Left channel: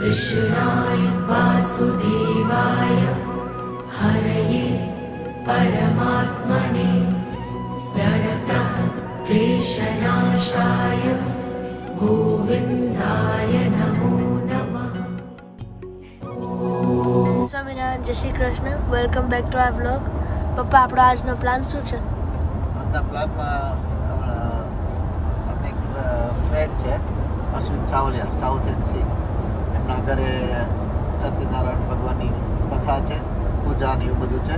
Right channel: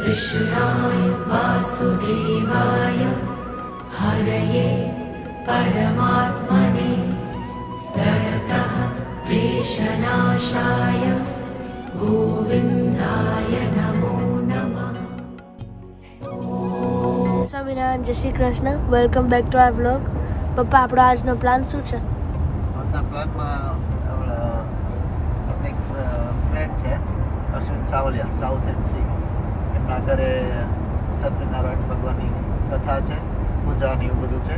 कृष्णाय वासुदेवाय हरये परमात्मने प्रणतः क्लेशनाशाय गोविन्दाय नमो नमः। સ્વામિનારાયણ, જય Shri Krishna. Welcome back to our vlog. પપ્પા, આપણો આજનો પ્લાન શું છે? આજના પ્લાનમાં આપણે એક ફ્રેન્ડ છે Ashwin Savaliya, south and C. એમના ઘરે સત્યનારાયણ ભગવાનની કથા છે, પૂજા ને એવું બધું છે.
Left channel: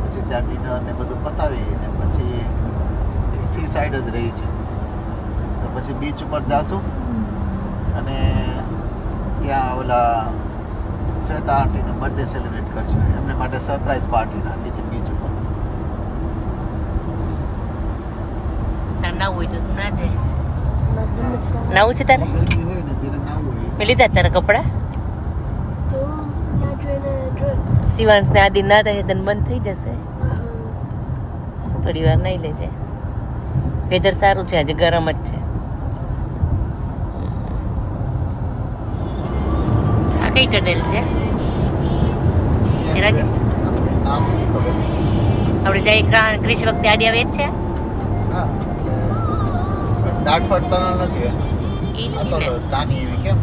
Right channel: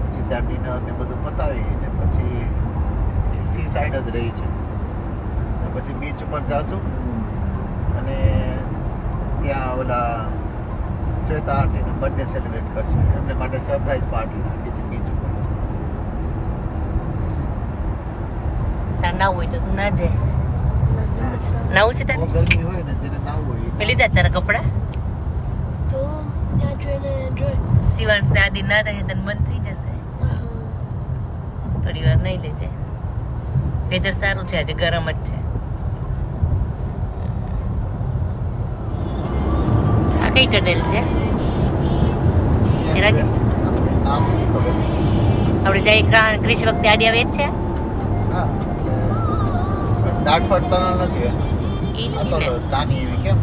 પછી ત્યાં ડિનર ને બધું પતાવી ને પછી સી સાઈડ જ રહી છે, તો પછી બીચ ઉપર જાશું અને ત્યાં ઓલા શ્વેતા આંટીનો બર્થડે સેલિબ્રેટ કરશું. એમને માટે સરપ્રાઈઝ પાર્ટી રાખી છે બીચ ઉપર. ના હોય તો તું ના જાય. નાવું છે તારે? ગરમી હોય ને જેને નાવું હોય પેલી તારા કપડા તો ના જોઈને જોઈ. શિવાંશ ને આદિ ના થાય તને બંધ થઈ જશે. થોડી વાર નહીં લેજે. વેધર સારું છે, આજે ગરમ જ છે. આ કઈ ટનેલ છે રાજેશ? નામ નથી ખબર. આપણે જાય ક્રિશ વખતે આડી આવે જ છે. હા, દાટ ફટતા નથી. ઈ આ તો ને નાની એવી કેમ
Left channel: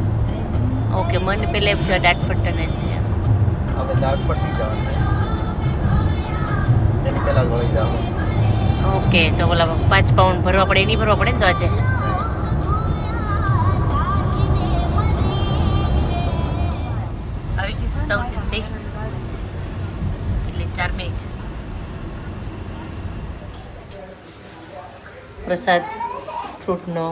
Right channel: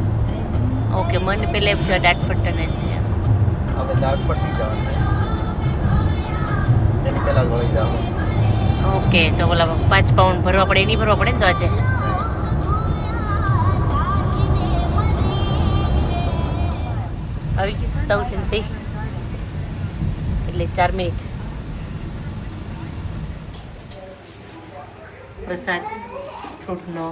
ઓકે, મને પેલે દાટફટ ટનેલ છે. હવે દાટ ફટી જવાનું, એની પહેલા જ વળી જવાનું. ઓકે, તો ઓલા 5 પાઉન્ડ ભરવા પડે, એની ભરવા પડે ને તો આજે. આવી ગયું સાઉથ એન્ડ સી એટલે 4 મિનિટ. પ્રસાદ ફ્રૂટનો,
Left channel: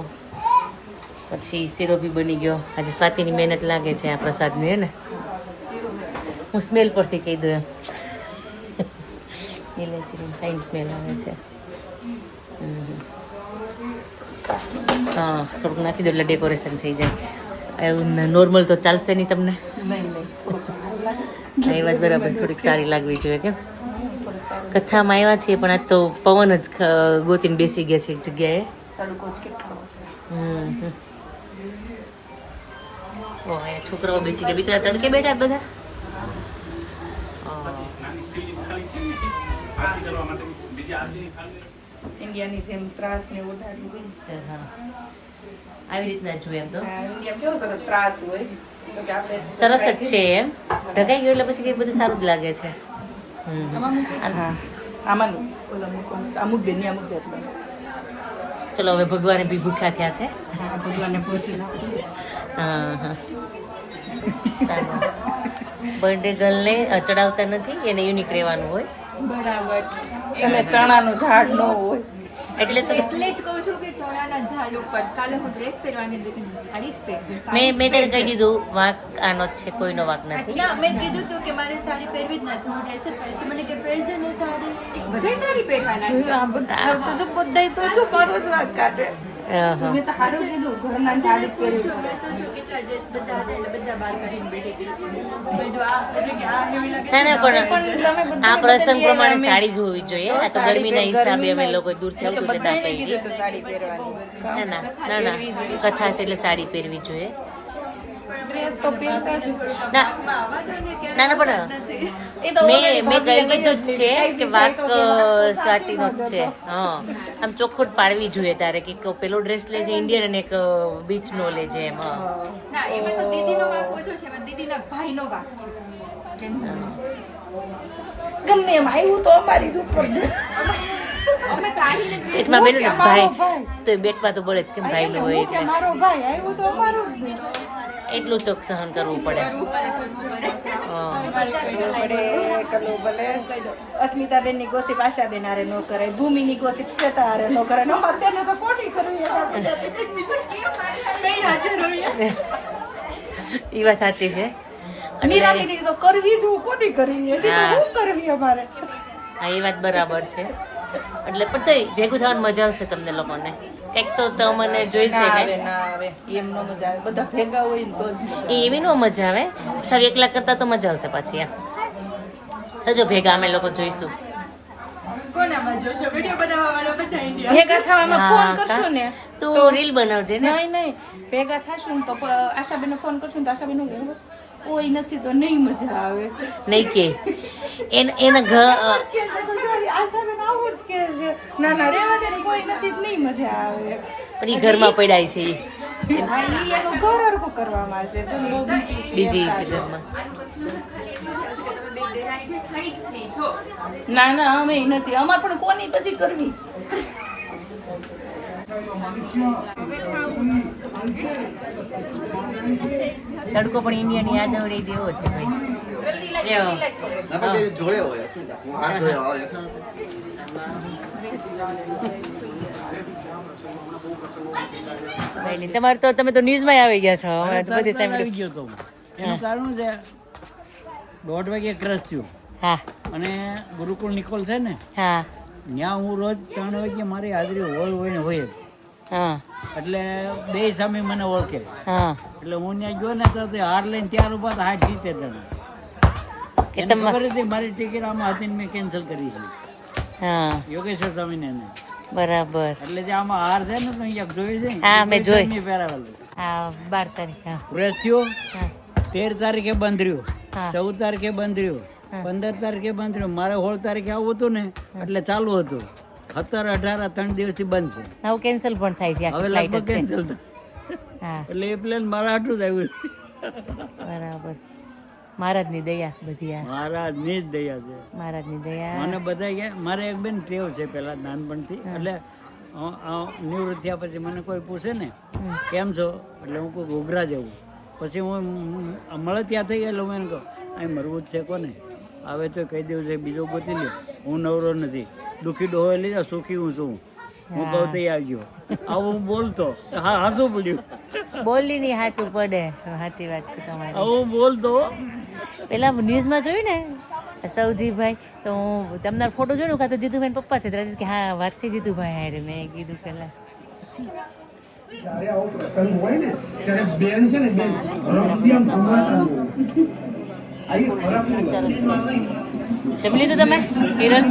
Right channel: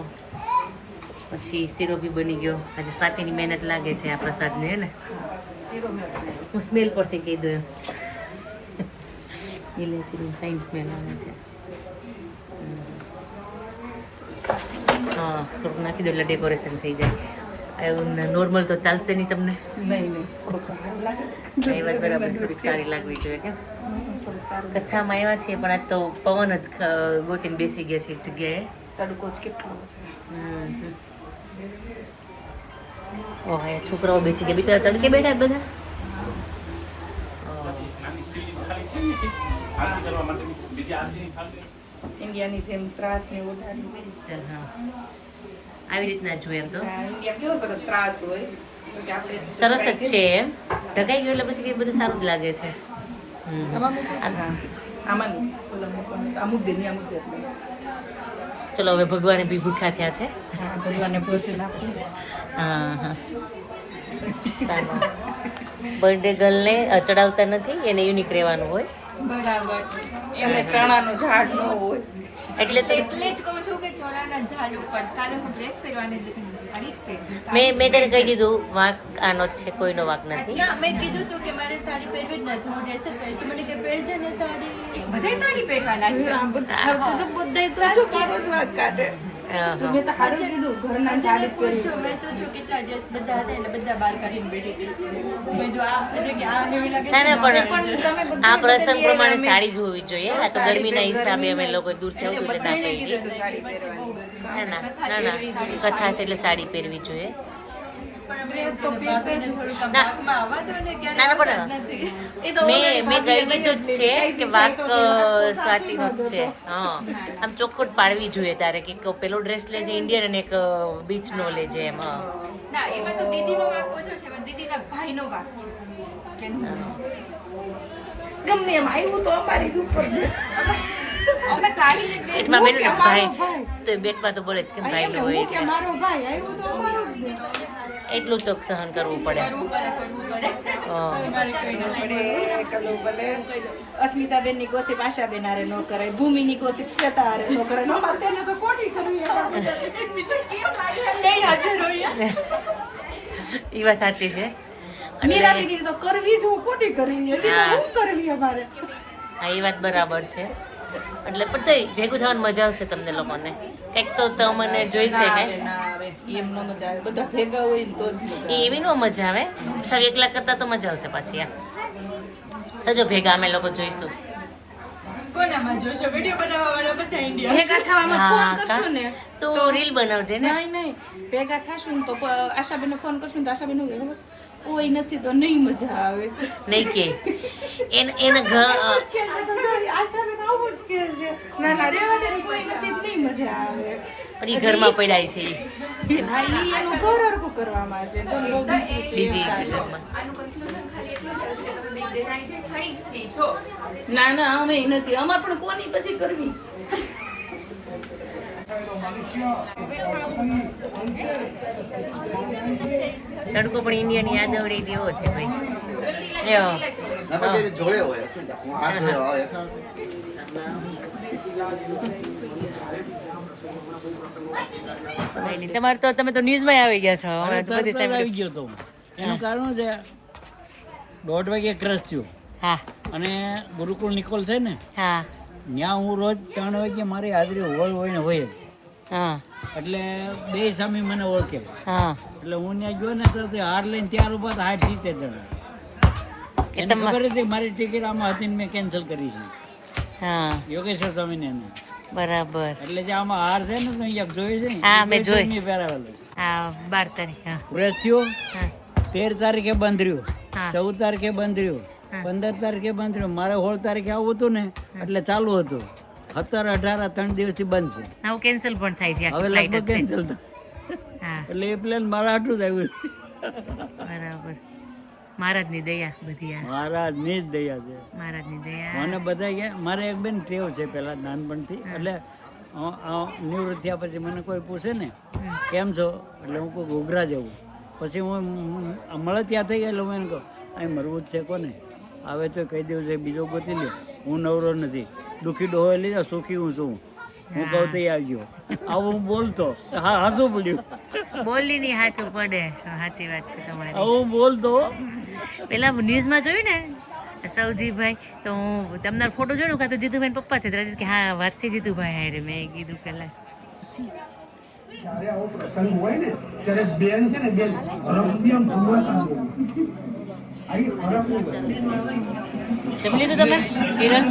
પછી શીરો બી બની ગયો. આજે સ્વાતિની મહેનત લાગે છે આ પ્રસાદની, હે ને? હું સ્મેલ પરથી કહી દઉં એમ. ઇલાયચીની ફાઇન સ્મેલ આવે છે. હા, થોડુંક નાખી દો એટલે ડેકોરેશન થઈ જાય. એવું નોર્મલ તો ચાલશે નહીં તમને? એ વાત બરાબર, થોડીક સારી લાગવી જોઈએ. કેમ કથામાં આવ્યા છીએ પણ આજ તો પવન જ ગોતીને બેસી ગયા છે એક જગ્યાએ. ઓહ, એ છોકરાઓ બેસી ગયા, બિચારા તડકે બેઠા બધા. ઇન્ડિયાની જેમ ત્રાસ ને ઓઢાડી. હા, આવી રીતના જોઈએ એમ તો ઇન્ડિયા કેવો સરસ ત્રાસ હોય, તો કે આપણે સરસ જ છે એમ. ઢકાઈ ગયું એટલે પછી બધું સારું જ લાગે છે. આમાં અમુક દે ને અમુક દે. ચલો હવે ભગવાને બી ભૂખ્યા થયા છે. ભગવાનને ભોજન હા હા, સારું. બર્થડે ગર્લને ચડાવતા નથી, એને યુનિક રહેવાનું હોય. બરાબર. એમને ચણાનું ઝાડ ન હોય એટલે તો એટલે જ કહું છું કે ચોળાના ઝાડ ઉપર કાલે હું ડ્રેસ પહેરવાની હતી, સાડી જ પહેરતી. મેં તને કહી દીધું, વાંક આનો જ છે, કોઈનો વાંક નથી. ના, મેં કીધું તું કે મારે સાડી પહેરવી જ નથી, હું ડ્રેસ જ પહેરીશ. તો મને કે પહેરજે ને સાડી. બધાય સાડી પહેરવાના છે. આ બધા તો જો મારો જ વાંક કાઢે. મેં તો હારું કીધું, ઘરના ઝાડ જ પહેરી. મેં તો જો કેટલા ડ્રેસ બધા હતા એટલે બધા બહાર કાઢીને બેઠી ગઈ. મેં જો આ એટલે કે આ નવી લાગે. ના ના, પણ આ પ્રસંગ પ્રમાણે સાડી જ હોવી જોઈએ. આ તો ગરમીના હિસાબે અમે લોકો દૂરથી આવતું એટલે ના પહેરી. ના ના ના ના, કથા છે એટલે સાડી પહેરવી જોઈએ. ના ના, પણ મેં કહી દીધું જ છે કે વાક સ્વાતિનો જ છે. હા, આમ ચોખ્ખું જ પાડવી જોઈએ તારે કે પેલો ડ્રેસ લેજે ઇન્ડિયન અને એક બીચનો લેજે એમ. ના, એમાં તો દીદીનો વાંક ઓછો છે, એમાં દીદીના ભાઈનો વાંક છે. ગમે એમ આવ્યું તો અમારી દુકાન. અમે કાઢીને જ પેટમાં બેઠું ને ભાઈ, તો બેટમાં તો બોલે જ કેમ ભાઈ નો હોય કે મારો ભાઈ આવ્યો તો અમારો જ નહીં. એટલું તો સહન કરવું પડે. હા. અસ્મિતાબેન ની ગોસીપ આશાબેન હારે ન કરાય, ભૂમિ ની ગોસીપ શ્વેતા હારે ન કરાય. અમારે તેને તો ખોટી કરવી. એ વાત સાચી છે. નિરાલીની તો કરવી જ, હું ખોટી કરવી. હું કરવી અમારે. હા, એ વાત બરાબર છે. એટલે પણ તો ભેગું થવાની મજા આવશે તમને લોકોને. કંઈક તો તમને જોઈશે ને. એમ ન મજા આવે, બધા ભેગા હોય ને તો જ મજા આવે. એવી નો મજા આવે. સાવ એકલા કરતા તો મજા આવશે પાછી. થજો ભેગા, અમે લોકો જોઈશું. કોનામાં જોશો વિડીયો બનાવવા વાળા બધા ઇન્ડિયા ભેગા થવામાં હા, ફોન કરશું ને તું રીલ બનાવજે ને નહીં ભેગા થશું ને તો આશાબેન ફોન કરશું ને તો આશાબેન શું કહે ખબર? કોઈ નથી તો નહીં મજા આવે નહીં કે એના ઘર આશાબેન આવું જ કહે છે ના રેવા દે ને, કોઈ નથી તો નહીં મજા આવે પણ ઈ ઘરમાં પડ્યા છે ઈ. હા ઈ એનું ઘર હરખું કરવામાં છે જો બહુ busy છે બીજી છે ઘરમાં. ના અમે નથી અમાર પણ કોની પછી કરવી તડકો પણ ઇન્ડિયાની યાદ આવડે દેવો છે ભાઈ. લ્યો. જોડે હોય અસ્મિતા. હું હાથ ધોયો હોય એટલે તમારે તો તમે તો ન્યૂઝમાં આવી ગયા છો અરે હમણાં તો બધી તરત જ આવી સાંભળ્યું. ગયો તો હું. એનું કારણ છે 1:30 વાગે ક્રશ થયું હા અને ગુરુકુળ નિકોલ છે ને હા ત્યાં હું રોજ 3 વાગે મારી હાજરી હોય ને હોય જ. હા એટલે બે સામે મને ઓળખે હા એટલે હું ત્યાં ગયો ને તો તે હાર લઈને ત્યાર ઉભા 60-70 જણા કે એને તમા- ખબર હતી મારી ટિકિટ આમાં હતી ને મેં કેન્સલ કરી છે હા યોગેશ્વર સ્વામીને એને. બરાબર. એટલે જે આમાં હાર છે ને તો અહીંયા જોયું છે હા, મેં જોઈ. નહીં પહેરાવેલું હા 12 તારીખ હા વ્રત થયો હા 13 તારીખે બંધ રહ્યું હા 14 તારીખે બંધ રહ્યું 15 તારીખે બંધ રહ્યું મારે 16 તારીખે આવું હતું ને એટલે ચાલુ હતું 17, 18 3 દિવસથી બંધ છે હવે કેન્સલ પણ થાય છે હવે આખી flight લગભગ જ કેન્સલ તે. હા એટલે એ પ્લેન મારા આટલું જ આવ્યું બરાબર. મહારાજની દયા બધી આ મહારાજની જ દયા છે મહારાજની દયા. મને બધા કે મારે એક બેન ટેવ છે પેલા નાનપણથી એટલે નિવૃત્ત થયા પછી મને કોઈ પૂછે ને કેમ છો એટલે હું કોઈ ઘોઘરા જવું પછી હું મળે ત્યાં થઈ ગયેલો હું એને કહું અહીં મરવું જ છે કોને આવે તો કહી દેવું છે બીજો ગોતી લે હું નવરો નથી દુઃખી ડોહો લઈ જાઓ સુખી હું છું હું કહું તો આવજો આવું હું બોલતો હા હાસું પડ્યું બોલી ની સાચું પડે. સાચી વાત છે તમારી. આવું હું બોલતો પેલા ન્યૂઝમાં જોયું ને સૌજીભાઈ તો હું તમારો ફોટો જોયો કાં તો જીતુભાઈ પપ્પા છે ત્યારે કે હા વાતથી જીતુભાઈ હારે મેં કીધું પેલા સરસ છે. જમી લીધું તમે કિરણ?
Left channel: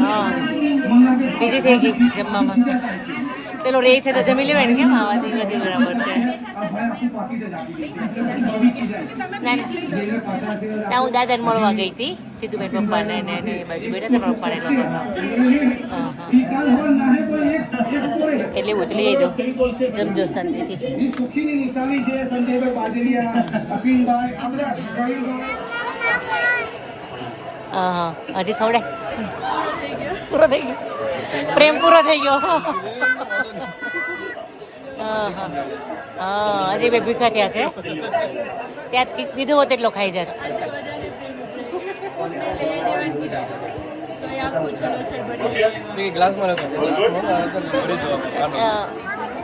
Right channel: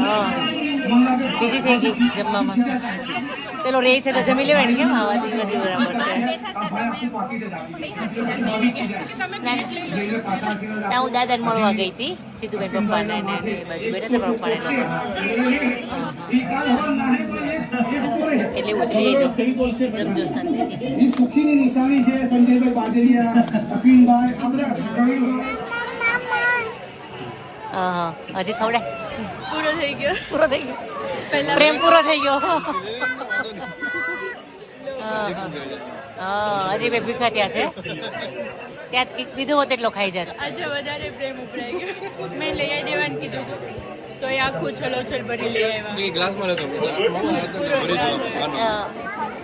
હા બીજી થઈ ગઈ જમવામાં. પેલો રે છે તો જમી લેવાય ને કેમ આવાથી બધી બરાબર છે. ના હું દાદાને મળવા ગઈ હતી જીતુબેન પપ્પાને ને એ બાજુ બેઠા હતા પપ્પાને લોકો. હા હા એટલે એવું જ લઈ દો જમજો શાંતિથી. હા હા હજી ખવડાય પૂરો થઈ ગયો પ્રેમ પૂરો થઈ ગયો. હા હા હા હજી ભાઈ ભીખા થયા છે ત્યાં જ કીધું હોત એટલો ખાઈ જાત. આજે વધારે પ્રેમ ઉભરાઈ ગયો મેં લઈ આવી દેવાનું કીધું હતું તો એ આખું છલોછલ ભરી લઈ આવ્યા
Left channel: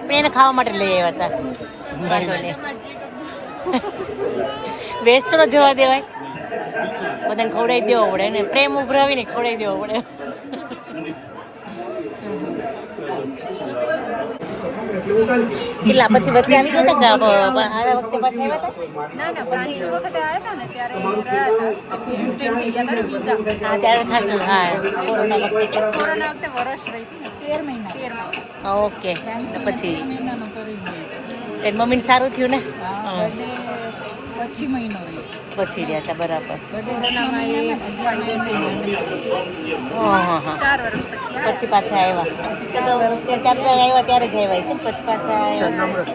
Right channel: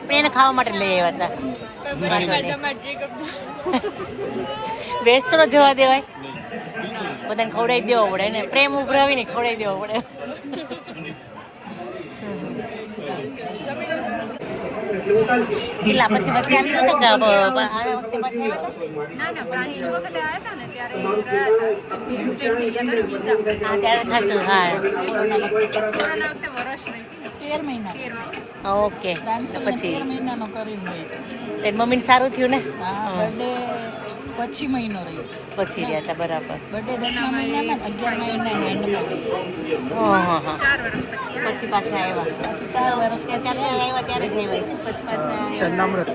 પણ એને ખાવા માટે લઈ આવ્યા હતા. વાંધો નહીં વેસ્ટ તો ન જવા દેવાય બધાને ખવડાવી દેવો પડે ને પ્રેમ ઉભરાવીને ખવડાવી દેવો પડે. કેટલા પછી વચ્ચે આવી ગયા હતા કે આના વખતે પાછા આવ્યા હતા? હા ત્યારે ખાસું હા કોરોના વખતે. ઓકે પછી મહિનાનો કરીને તારી મમ્મીને સારું થયું ને? બર્થડે પછી મહિનો રહ્યો પછી રહ્યા હતા બરાબર. બર્થડે 10મા મહિનામાં 11મા મહિનાના એન્ડમાં હા હા 4 વર્ષ પછી પાછા આવ્યા. ત્યારે આવ્યા ત્યારે જ આવ્યા છે પછી પાછા આવ્યા.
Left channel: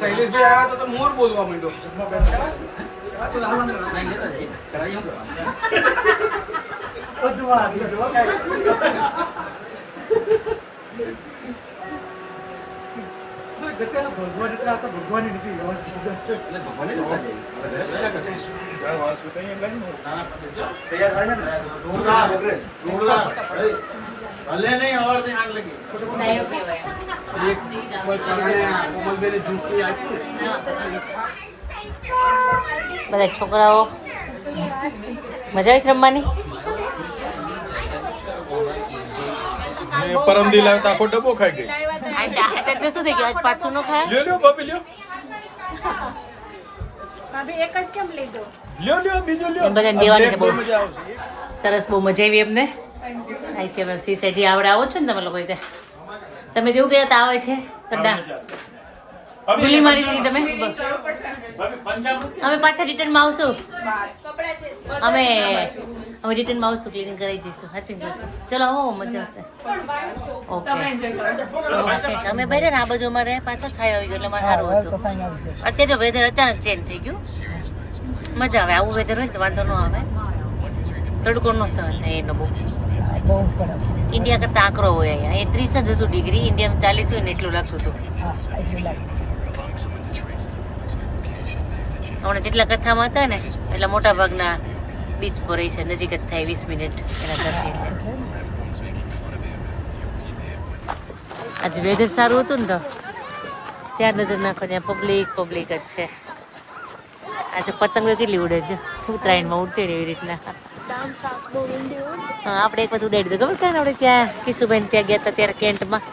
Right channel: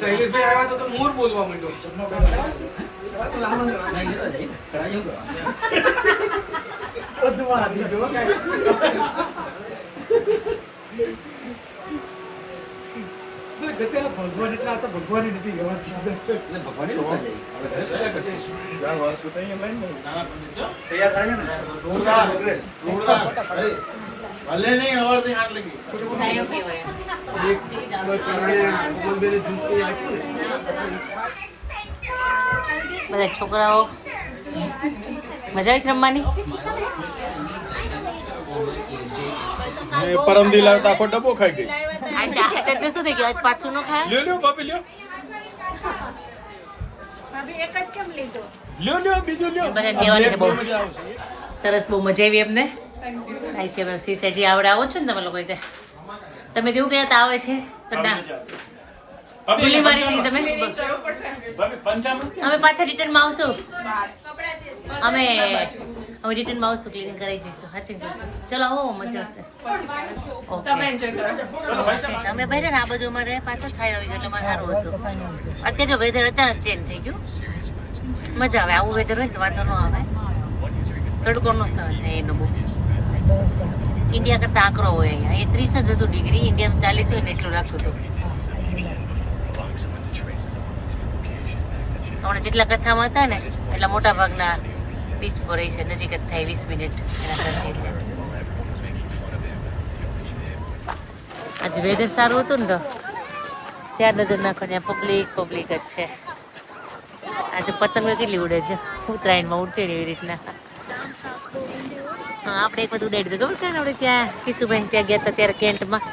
શૈલેષભાઈ આવ્યા તો મોર બોલવા માંડ્યો. બધા છોકરાઓ મજા આવી રમવાની. પરમ દી લાવ્યો તો આખો ડબ્બો ખાઈ ગઈ. એટલે શું થઈ ગયું આજ પાછું ન ખાય. લ્યો ભાભી લ્યો. લ્યો બીજું લ્યો. બધાને દેવાની છે બહુ. મજા આવશે. સરસ, બહુ મજા આવી એમને. અહીંથી અમે સીસેજી આવડે આવો છો ને તમે લોકો રીતે. તમે જેવું કહ્યું તો આવે છે તો ના ભૂલી મારી દીધી તમે. અમે પાછા રિટર્નમાં આવશું. અમે રિટર્નમાં આવશું, ક્લિનિંગ કરાવી જઈશું. સાચી કહું છું. ચલો આવો, મજા આવશે. ઓકે અમે ભાઈ ને આ બાજુ અમારે પાછો છાયો આવી ગયો એટલે અમારે સારું હતું. અત્યારે જો વેધર અચાનક ચેન્જ થઈ ગયું. મજા આવે આવું વેધર હોય ને તો વાંધો ન આવે. તડકો નો સહન થાય એનો બહુ. ઇન્ડિયા કરતા આકરો હોય અહીંયા. એ 30 જ હતું ડિગ્રી, ઇન્ડિયામાં 40 હોય ને એટલું લાગતું હતું. હમણાં જેટલા કથામાં હતા ને એટલા મોટા ભાગના બીચ પર રહી છે, નજીક જ થાય 20 મિનિટ એના ઘરથી. આજે વેધર સારું હતું ને તો જ્યાં નજર નાખો ત્યાં પબ્લિક જ છે. આજે પતંગ કેટલી ઉડે છે, ઉત્તરાયણમાં ઉડતી ને એવી રીતના. હા, આપણે એક બધું ઉડાડી દીધું. ખબર કાને આપણે ત્યાં કિશુબેન ત્યાં ગયા હતા ત્યારે કેન્ટમાં.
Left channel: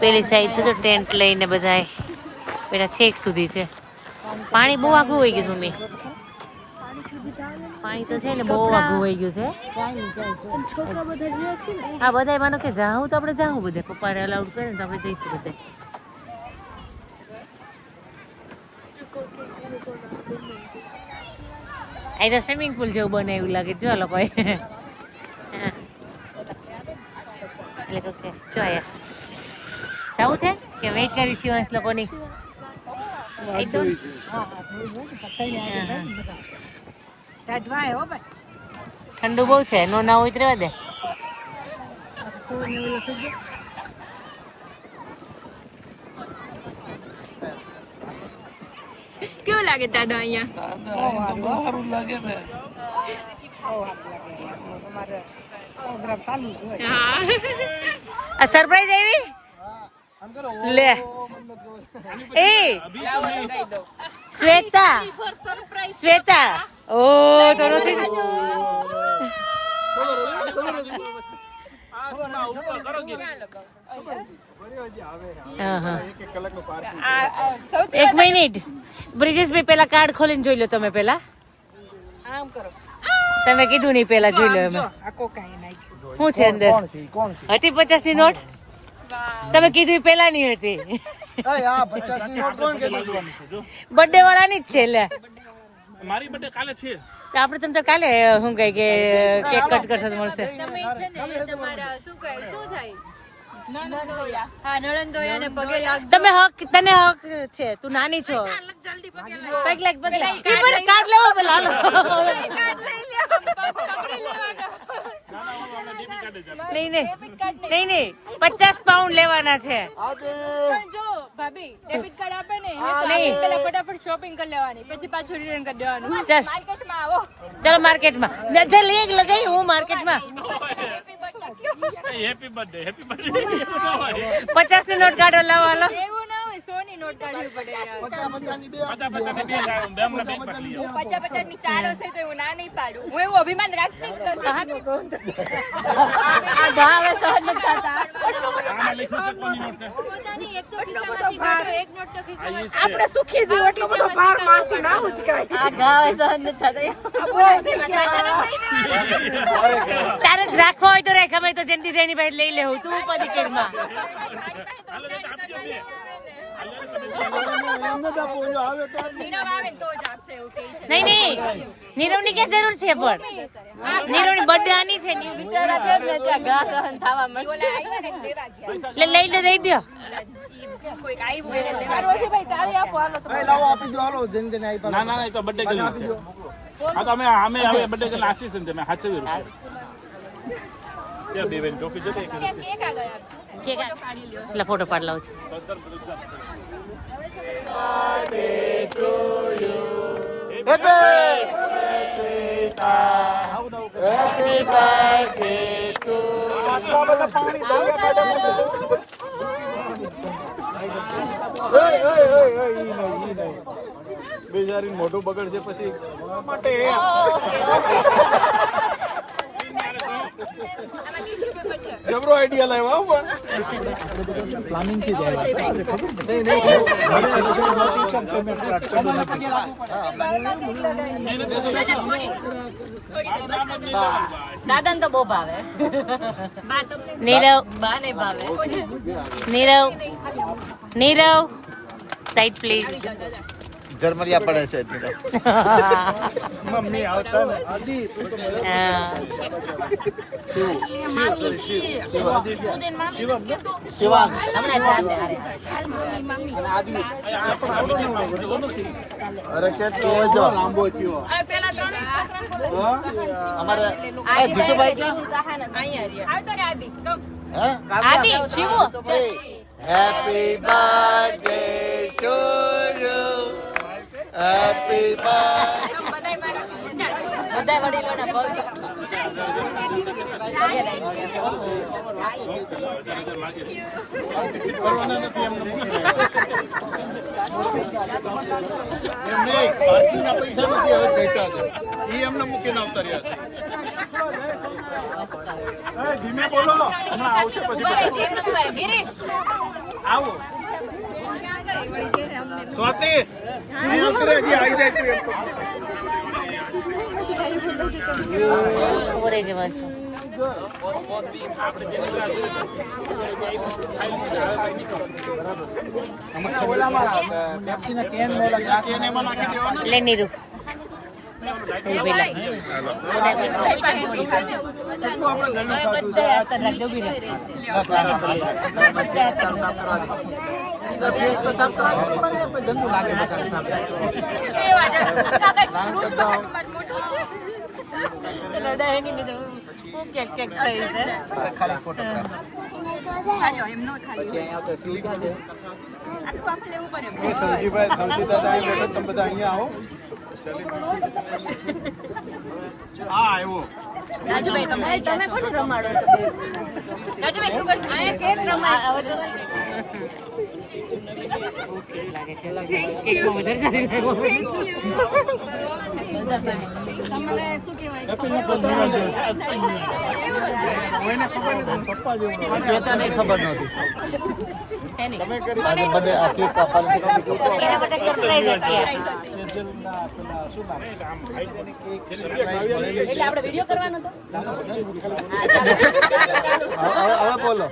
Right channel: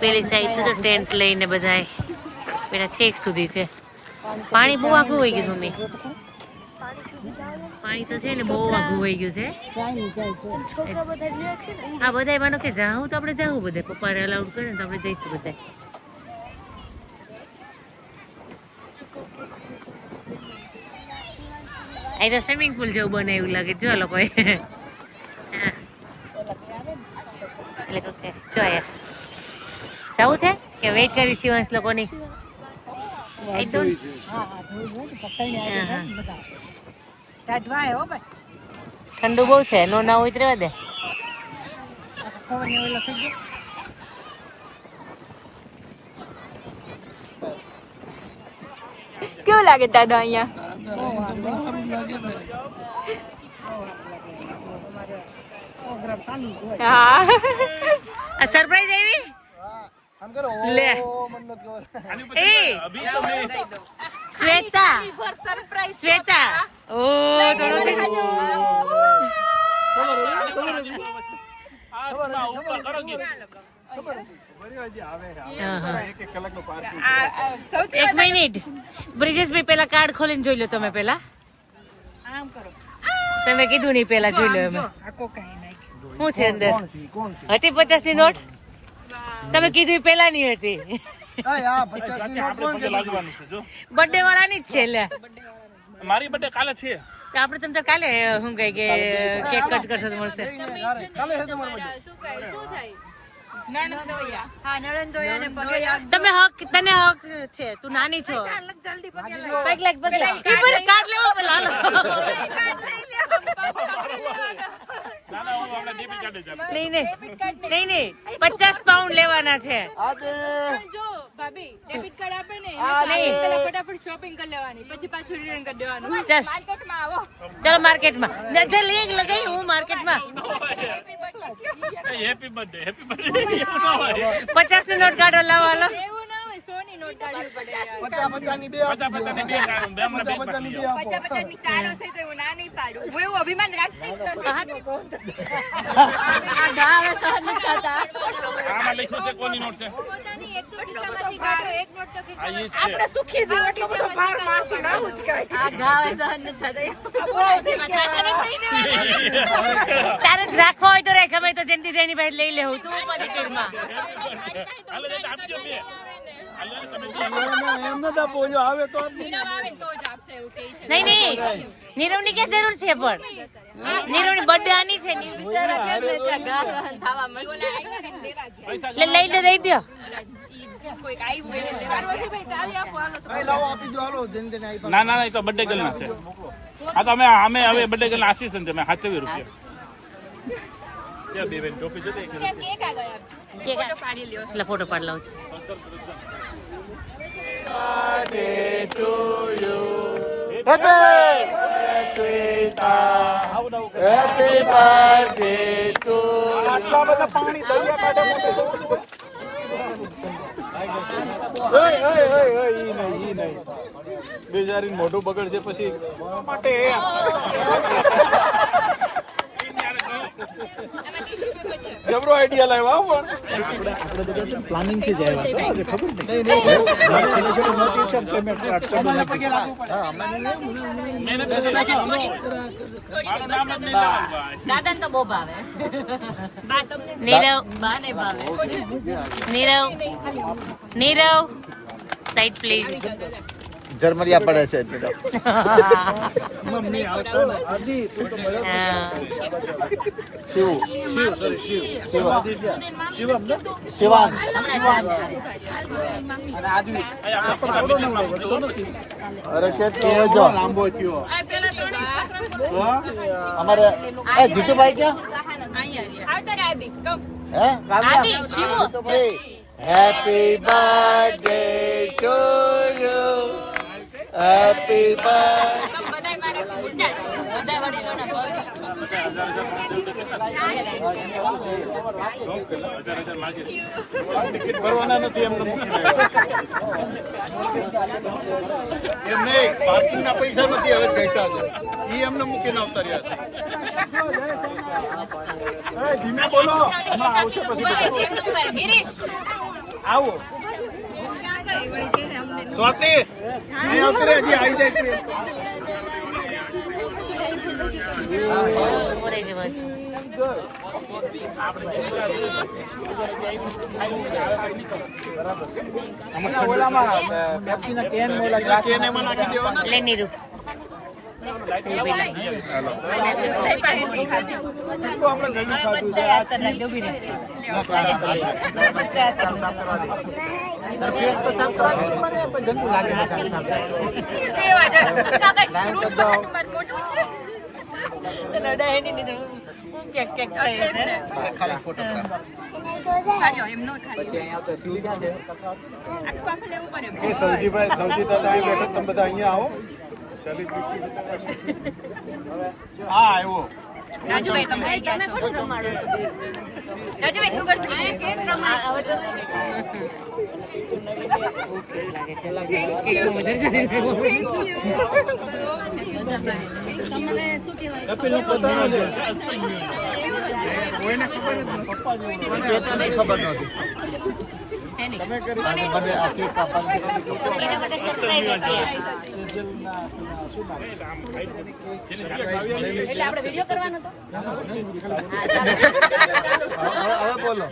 પેલી સાઈડ તો ટેન્ટ લઈને બધા પેલા છેક સુધી છે. પાણી બહુ આઘું વહી ગયું મમ્મી. પાણી તો છે ને બહુ આઘું વહી ગયું છે. હા, બધા માનો કે જાઉં તો આપણે જાઉં, બધે પપ્પાને અલાઉડ કરે ને તો આપણે જઈશું બધા. અહીં તો સ્વિમિંગ પુલ જેવું બને એવું લાગે જો લોકોએ. એટલે કે જો આયા જવું છે કે વેઇટ કરી શિવાંશ લોકોની. ઠંડુ બહુ છે, નો ના હોય તો રહેવા દે. કેવું લાગે દાદા અહીંયા? આ સરપ્રાઈઝ આવી લે. એ શ્વેતા ઓ તો એક મિનિટ બ્રિજેશભાઈ, પેલા કાર્ડ ખોલીને જોઈ લો તમે. પેલા તમે કીધું નહીં, પેલા જોઈ લો. અમે શું છે અંદર? હતી 50 ની નોટ? તમે કીધું પેલા ની હતી. બર્થડે વાળાની જ છે. લે મારી બર્થડે કાલે છે. આપણે તમને કાલે શું કહે કે કેક કટ કરશો તો મળશે. તમે હક, તને હક છે, તું નાની છો. પગલા કાર્ડ લેવો પેલા. નહીં 50 પાઉન્ડ લેવાના છે. ડેબિટ કાર્ડ આપે ને નહીં, પેલા ફટાફટ શોપિંગ કરી લેવાની, પછી પાછું રિટર્ન કરી દેવાનું. ચાલ માર્કેટમાં આવો. ચાલો માર્કેટમાં. ચાલ એક લગાઈ હું માર્કેટમાં. હેપી બર્થડે 50 ની નોટ કાઢો, લાવો હાલો. એવું ના હોય, 100 ની નોટ કાઢવી પડે. 50 ની બે કાઢો, બેમને બે પકડી લો. 50 ની 4 હશે તો એવું ના નહીં પાડું. હું એવું અભિમાન રાખતી જ નથી. આ ગાવે સહન નથી થતા. આમાં લખ્યું છે કોની નોટ છે? પોતાની એક તો ખિસ્સામાંથી કાઢો, એક નોટ તો આ ખિસ્સામાં. ઈ જ છે. આપણે સુખી જીવ એટલો બધો ભાર મારતી ના ઉચકાય. આ ગાવે સહન નથી થતા. પાછા નથી દેવાના. તારે રાખવા હોય તો રાખ, અમે તો જેમથી જેની ભાઈ લઈ લેવું. તું પદીકરમાં હાલો જતા આપજો બે. હાલો તમે બે. નહીં નીરવની ક્યાં જરૂર છે? પણ નીરવની બર્થડે આની છે. લઈ લે, દઈ દો. ના એ તો બર્થડે ગર્લ છે. આ તો અમે હવે બર્થડે ગર્લ આશીષ ને તમે સાચવી રૂપિયા. એટલે ફોટો પાડ લઉં છું. બેજારી મોઢું બગડશે પછી જબરો આઈડિયા લાવ્યો પ્લાનિંગ થી દાદા તો બહુ ભાવે. Nirav side please. જર્મનિયા પડે છે અત્યારે મમ્મી આવતા શિવાંશ અરે કે જો લાંબો થયો અમારે જીતુભાઈ ક્યાં happy birthday to you happy કરવાના નથી એમને પાર્કિંગ ના પૈસા નથી હવે ઘટ્યા છે એ એમને મૂકીને આવતા રહ્યા છે. ધીમે બોલો હમણાં આવશે પછી આવો સ્વાતિ અહીં આવતી હજી આવી જાય ઓરે જવા છો. લે નીરુ ખાલી ફોટોગ્રાફ સૌજીભાઈ સૌજી દાદા અહીં બેઠો તમે બધા અહીંયા આવો સેલિબ્રિટી હા આવ્યો રાજુભાઈ તમે આવી ગયા છો. રાજુભાઈ શું કરશું? તમને શું કહેવાય? ખબર નહોતી તમે કરી અને મને આખી એટલે આપણે વિડીયો કરવાનો હતો. હવે બોલો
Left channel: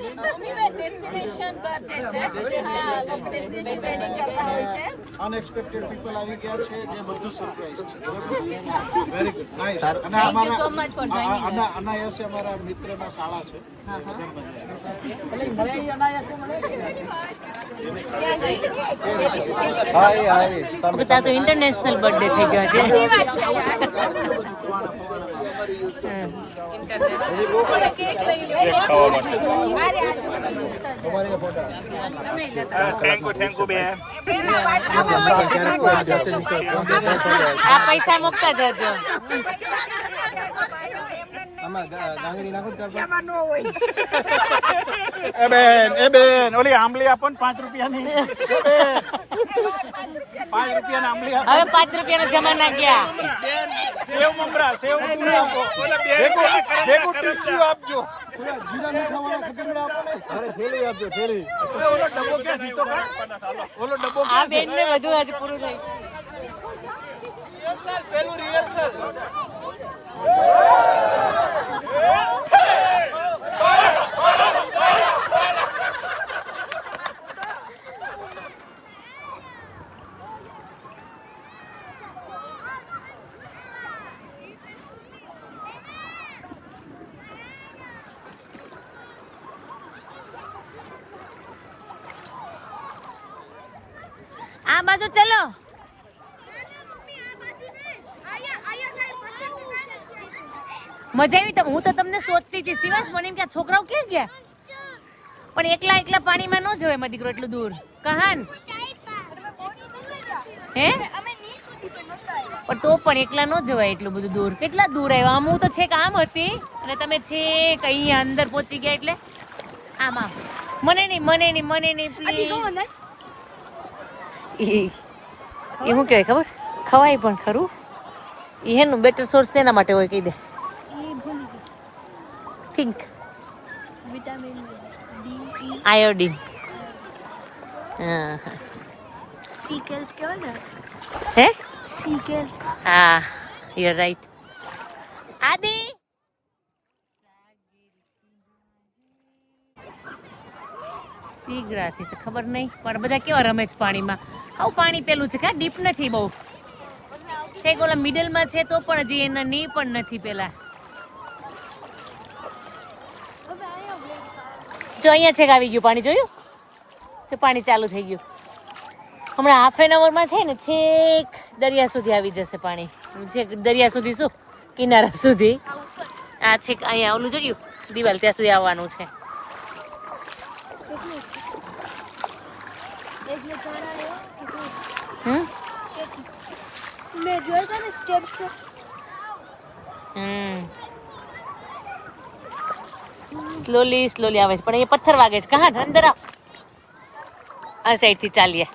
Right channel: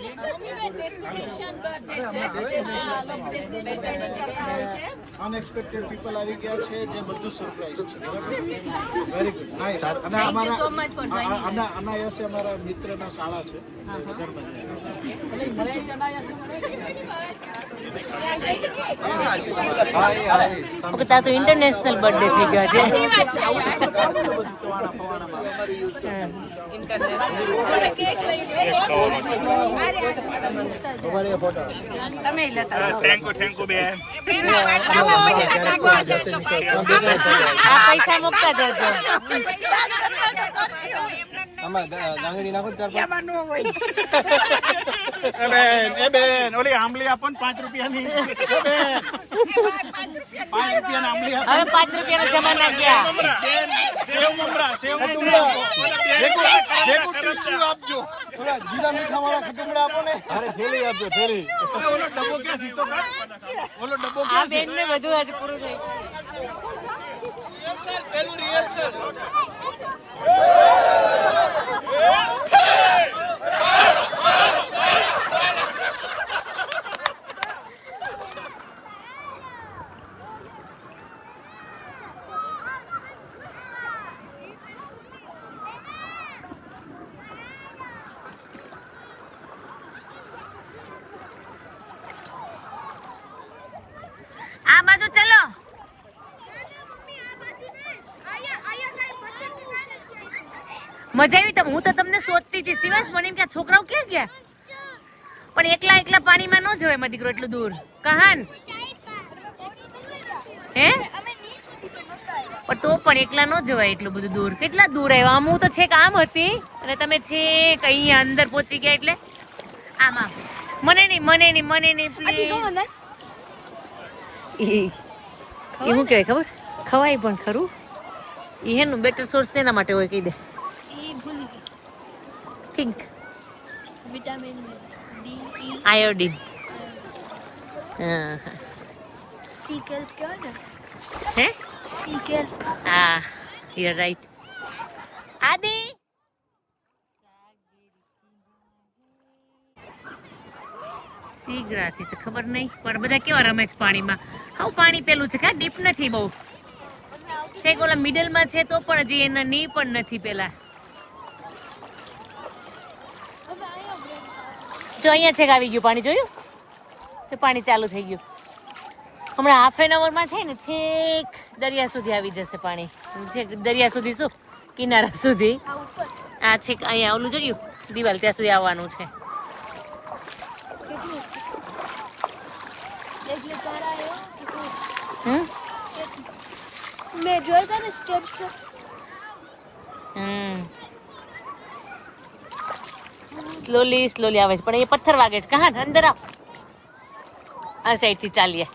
ડેસ્ટિનેશન બર્થડે છે. હા, લોકો ડેસ્ટિનેશન પ્લાનિંગ કરતા હોય છે. અનએક્સપેક્ટેડ પીપલ આવી ગયા છે જે બધું સરપ્રાઈઝ છે બરાબર વેરી ગુડ નાઈસ અને અમારા અનાયાસે અમારા મિત્રના શાળા છે તાર તો ઇન્ટરનેશનલ બર્થડે થઈ ગયો છે. સાચી વાત છે યાર. હવે કેક લઈ લો. તમે લેતા થેન્ક યુ બેન પેલા વાર્તામાં પૈસા નાખવા જજો ભાઈઓ. આ પૈસા મૂકતા જજો. એ બેન ઓલી આંબલી આપો ને 5 રૂપિયાની 5 રૂપિયાની આંબલી આપો હવે 5 રૂપિયાના જમાના ગયા. સેવ મમરા ભેગું ટીસ્યુ આપજો જીરા મીઠા વાળા ખટમડા આપો ને થેલી આપજો થેલી ઓલો ડબ્બો ક્યાં સીતો ઓલો ડબ્બો આ બેન ને બધું આજે પૂરું થઈ. પેલું રિહર્સલ આ બાજુ ચલો. મજા આવી. હું તો તમને શોધતી હતી શિવાંશ, મને એમ કે આ છોકરાઓ ક્યાં ગયા, પણ એકલા પાણીમાં ન જવાય મારો દીકરો એટલું દૂર. કહાન હે પણ તો પણ એકલા ન જવાય એટલું બધું દૂર. કેટલા દૂર આવ્યા? આમ હું તો છેક આમ હતી અને તમે છેક અહીંયા અંદર પહોંચી ગયા. એટલે આમ આમ મને નહીં પ્લીઝ. એ શું કહેવાય ખબર? ખવાય પણ ખરું. એનું બેટર સોર્સ શેના માટે હોય કહી દે. Think vitamin D, iodine. સીકેલ કહેવાય ને. હે સીકેલ. હા, યુ આર રાઈટ. આદિ સી ગ્રાસીસ ખબર નહીં, પણ બધા કેવા રમે છે પાણીમાં. હાવ પાણી પેલું છે કા ડીપ નથી બહુ. છે ઓલા મિડલમાં છે તો પણ હજી એના ની પણ નથી પેલા. જો અહીંયા છેક આવી ગયું પાણી, જોયું? જો પાણી ચાલુ થઈ ગયું. હમણાં હાફ એન અવરમાં છે ને છેક દરિયા સુધી આવી જશે પાણી. છેક દરિયા સુધી શું કિનારા સુધી. આ છેક અહીંયા ઓલું જોયું દિવાલ ત્યાં સુધી આવવાનું છે. મેં જોયા હતા ને સ્ટેપ્સ. સ્લોલી આવે છે પણ એ પથ્થર વાગે છે. કહાન અંદર આવ, આ સાઈડ થી ચાલીએ.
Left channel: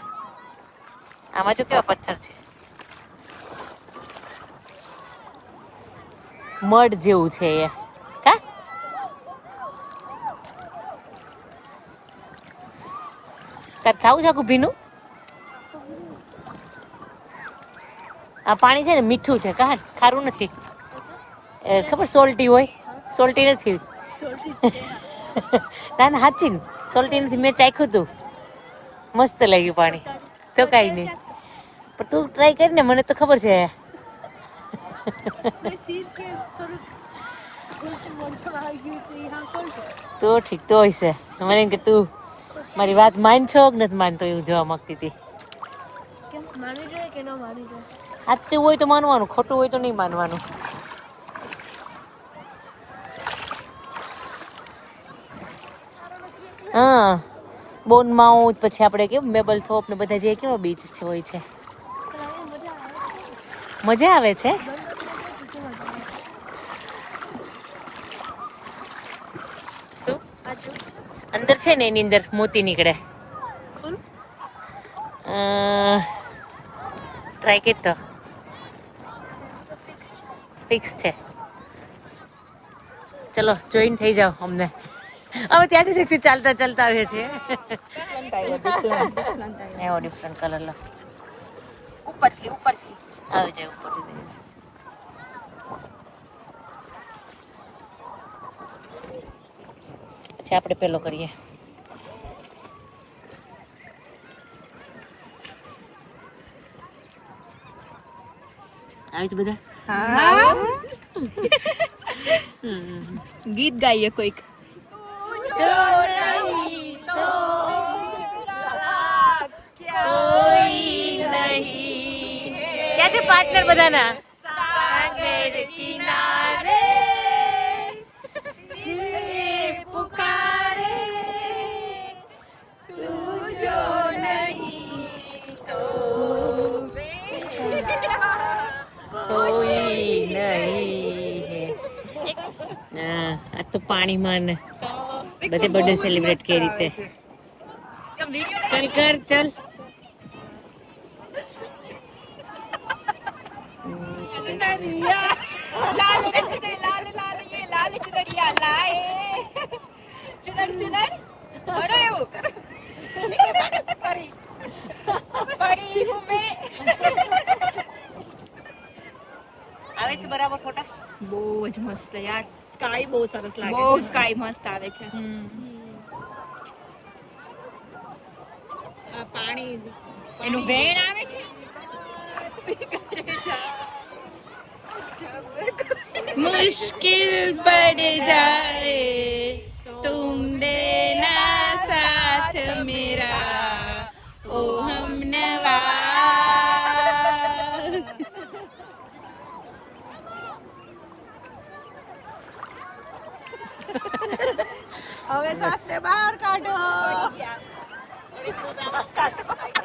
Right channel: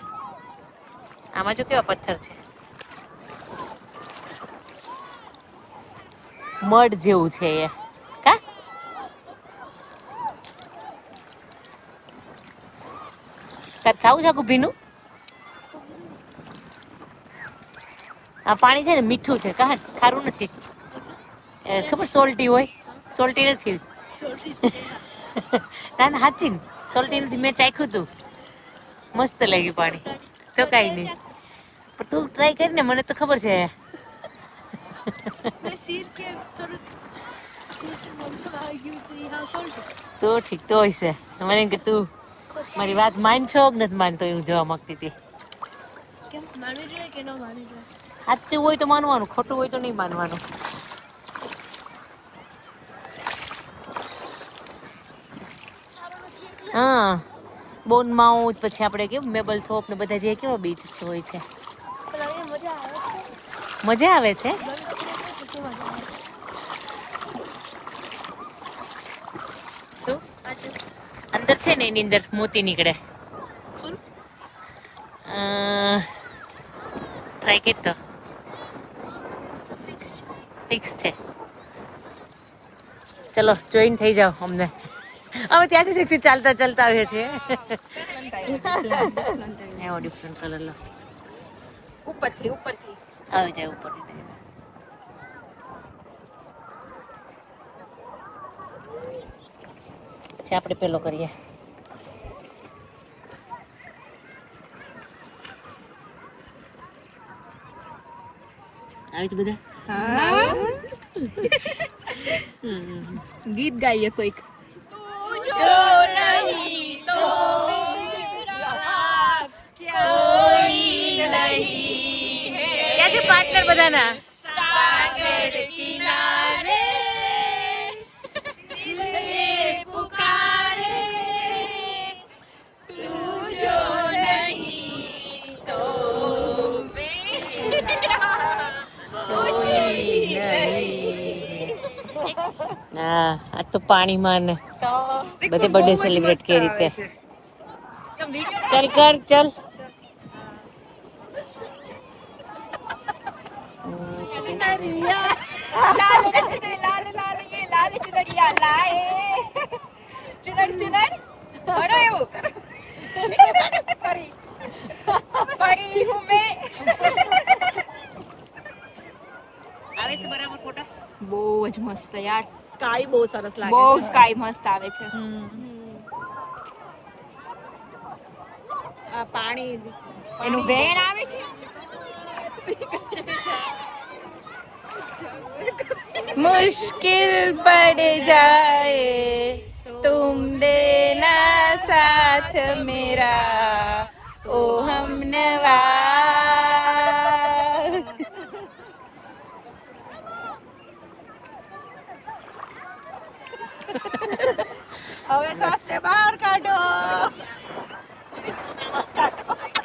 આમાં જો કેવા પથ્થર છે, મડ જેવું છે એ. કા તાર ખાવું છે આખું ભીનું? આ પાણી છે ને મીઠું છે. કહાન ખારું નથી. ખબર સોલ્ટી હોય? સોલ્ટી નથી. ના ના સાચી ને સોલ્ટી નથી. મેં ચાખ્યું તું, મસ્ત લાગ્યું પાણી. તો કઈ નહીં, પણ તું ટ્રાય કરીને, મને તો ખબર છે. તો ઠીક તો હોય છે. મને એમ કે તું મારી વાત માન છો કે નથી માનતો એવું જોવા માંગતી હતી. માનવી જોઈએ કે ન માનવી જોઈએ? સાચું હોય તો માનવાનું, ખોટું હોય તો નહીં માનવાનું. હા, બોન માઉથ, પછી આપણે કેવું મેબલ થોપ ને બધા જે કેવા બીચ હોય છે. મજા આવે છે. શું અંદર છે ને એની અંદર મોતી નીકળે. ટ્રાય કરી તો ફિક્સ છે. ચલો જોઈન થઈ જાઓ અમને. હવે ત્યાંથી ચાલતા આવીએ છીએ. એવો ડિફરન્ટ કલર લો. ઉપરથી આવી જાય, ઉપરથી. પછી આપણે પેલો કરીએ. આવી છે બધા. ગીત ગાઈએ કોઈક. જો નહીં તો કોઈ નહીં. ક્યાં છે પાર્ટનર બધાના? સાગર કિનારે દિલ પુકારે, તું જો નહીં તો કોઈ નહીં. હા, આ તો પાણીમાં ને બધે બર્થડે સેલિબ્રેટ કેવી રીતે. ચલ કર ચલ. લાલ ચુનરિયા લાએ, ચુનર ભણો એવું પરી હું મેં. આવે છે બરાબર ફોટા? બહુ જ મસ્ત યાર. સ્કાય બહુ સરસ લાગે છે. બહુ સ્કાય મસ્ત આવે છે. આ પાણી એનું વેણ આવે છે. મુશ્किल पड़ जाए तुम देना साथ मेरा ओ हमनवा. હવે શ્વાસને બહાર કાઢો.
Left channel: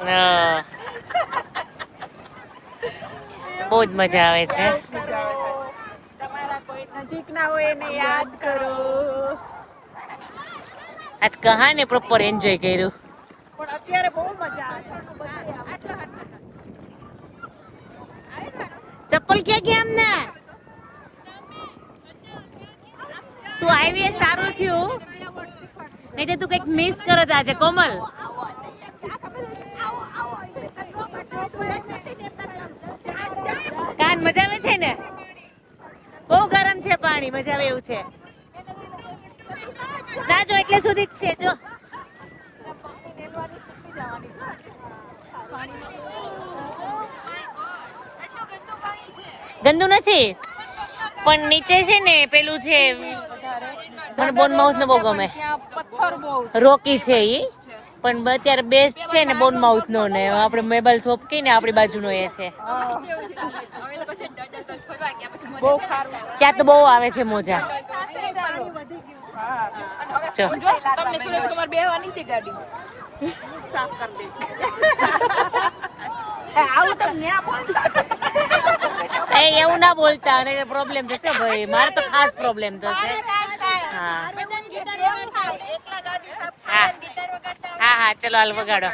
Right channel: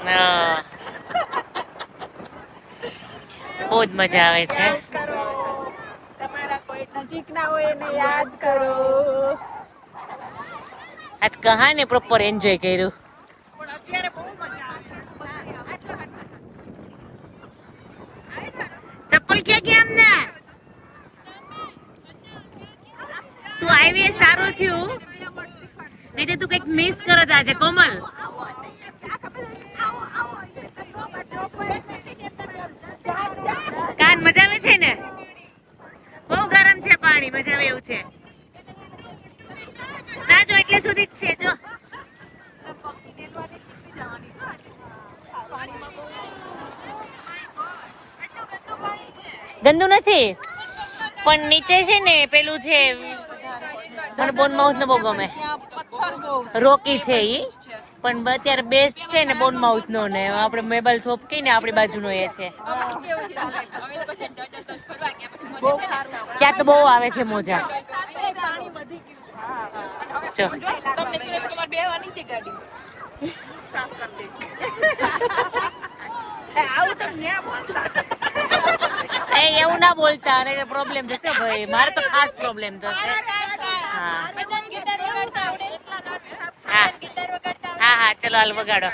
હા. બહુ જ મજા આવે છે. તમારા કોઈ નજીકના હોય એને યાદ કરો. આજ કહાને પ્રોપર એન્જોય કર્યું. પણ અત્યારે બહુ મજા આવે છે. ચપ્પલ ક્યાં ગયા અમને? તું આવી એ સારું થયું, નહીં તો તું કઈક મિસ કરત આજે કોમલ. કાન મજા આવે છે ને? બહુ ગરમ છે પાણી, મજા આવે એવું છે. ના જો એટલે સુધી જ છે જો. ગંદુ નથી પણ નીચે છે ને પેલું છે, મને બોન માઉથ નો બહુ ગમે. રોકી છે ઈ, પણ અત્યારે બેસ્ટ છે ને બોન માઉથ નો ને આપણે મેબલ થોપ કઈ ને આપણી બાજુનો એ છે. ત્યાં તો બહુ આવે છે મોજા. જો એવું ના બોલતા, અને પ્રોબ્લેમ થશે ભાઈ, મારે તો ખાસ પ્રોબ્લેમ થશે. હા હા હા હા, ચલો હાલ વગાડો.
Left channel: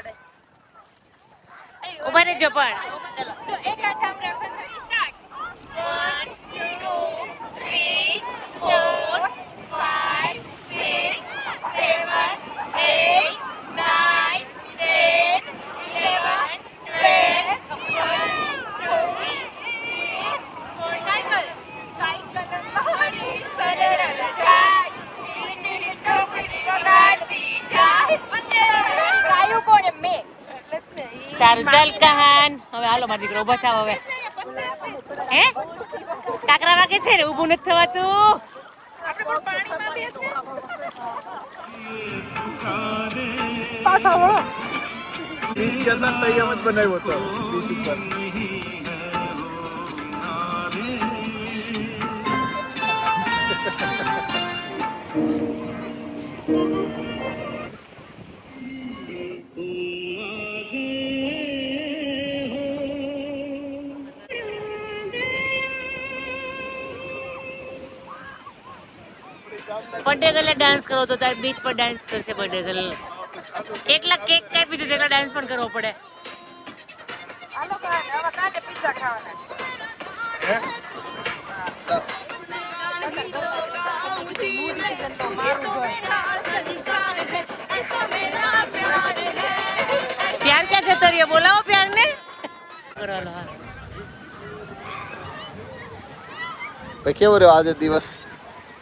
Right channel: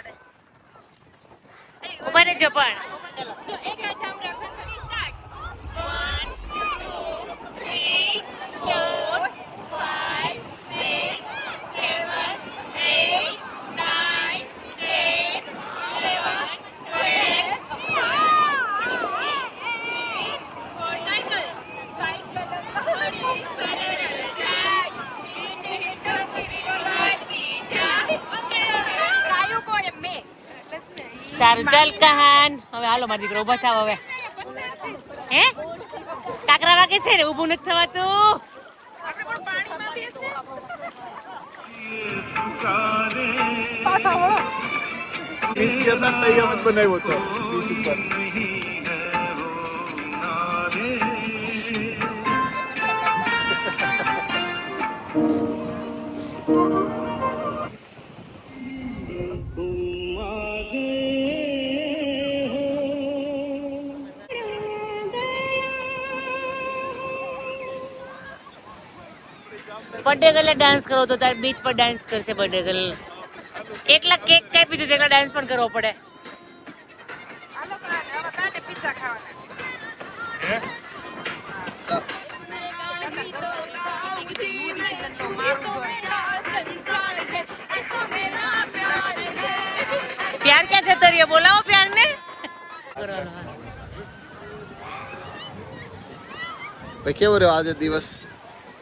ઉભા રહેજો પણ. ચલો સારું ચાલ કહાન, હવે હાલો મારી દીકરો ઉભા થાવ હવે. હે કાકરા વાગે છે ને, ઊભું નથી થવાતું. बीच के अंदर तैयार बनाવ્યું હતું બીચ ઉપર. બર્થડે ગર્લે ડાન્સ કરો તો તારે બીચ પર ડાન્સ કરશે બર્થડે ગર્લ. એકલા કેક કાપી દીધું, એકલા ડાન્સ પણ કરવો પડે. પ્યાર ક્યાં જતો રહ્યો? બોલાવો પ્યાર ને. કેવો રહ્યો આજે દિવસ?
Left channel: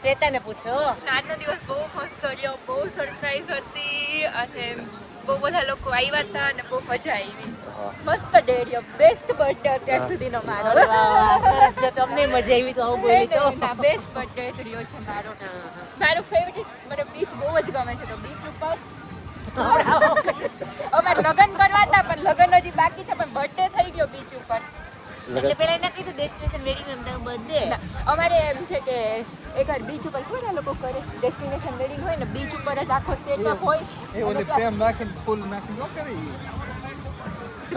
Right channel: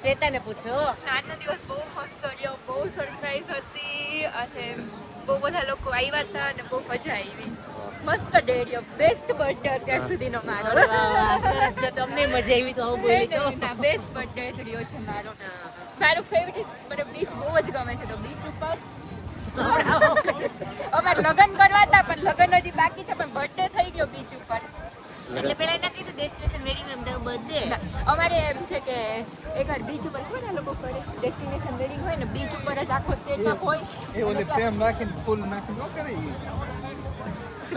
શ્વેતાને પૂછો. આજનો દિવસ બહુ મસ્ત રહ્યો, બહુ સરપ્રાઈઝ હતી અને બહુ બધા લોકો આવ્યા હતા અને બહુ મજા આવી. મસ્ત ડે રહ્યો, બેસ્ટ બર્થડે અત્યાર સુધીનો મારો. સરસ, જો તમને મજા આવી તો આવું બોલી તો. બેસ્ટ બર્થડે રહ્યો છે મારો. મારો ફેવરિટ મને બીચ બહુ જ ગમે છે, તો બીચ ઉપર અમારે લગ્ન કરવા હતા પણ લગ્ન હજી બાકી છે, પણ બર્થડે થઈ ગયો બીચ ઉપર. એટલે પેલા ના કીધું ડેસ્ટિનેશન વેડિંગ એમ તો બર્થડે. અમારે એમ છે કે એકવાર બીચ ઉપર હોય ને લોકો કરે ડેસ્ટિનેશન વેડિંગ હોય ને બીચ ઉપર જ આખો સેટઅપ હોય. પ્રેમ રાખીને ફૂલ નાખીને ન કરી.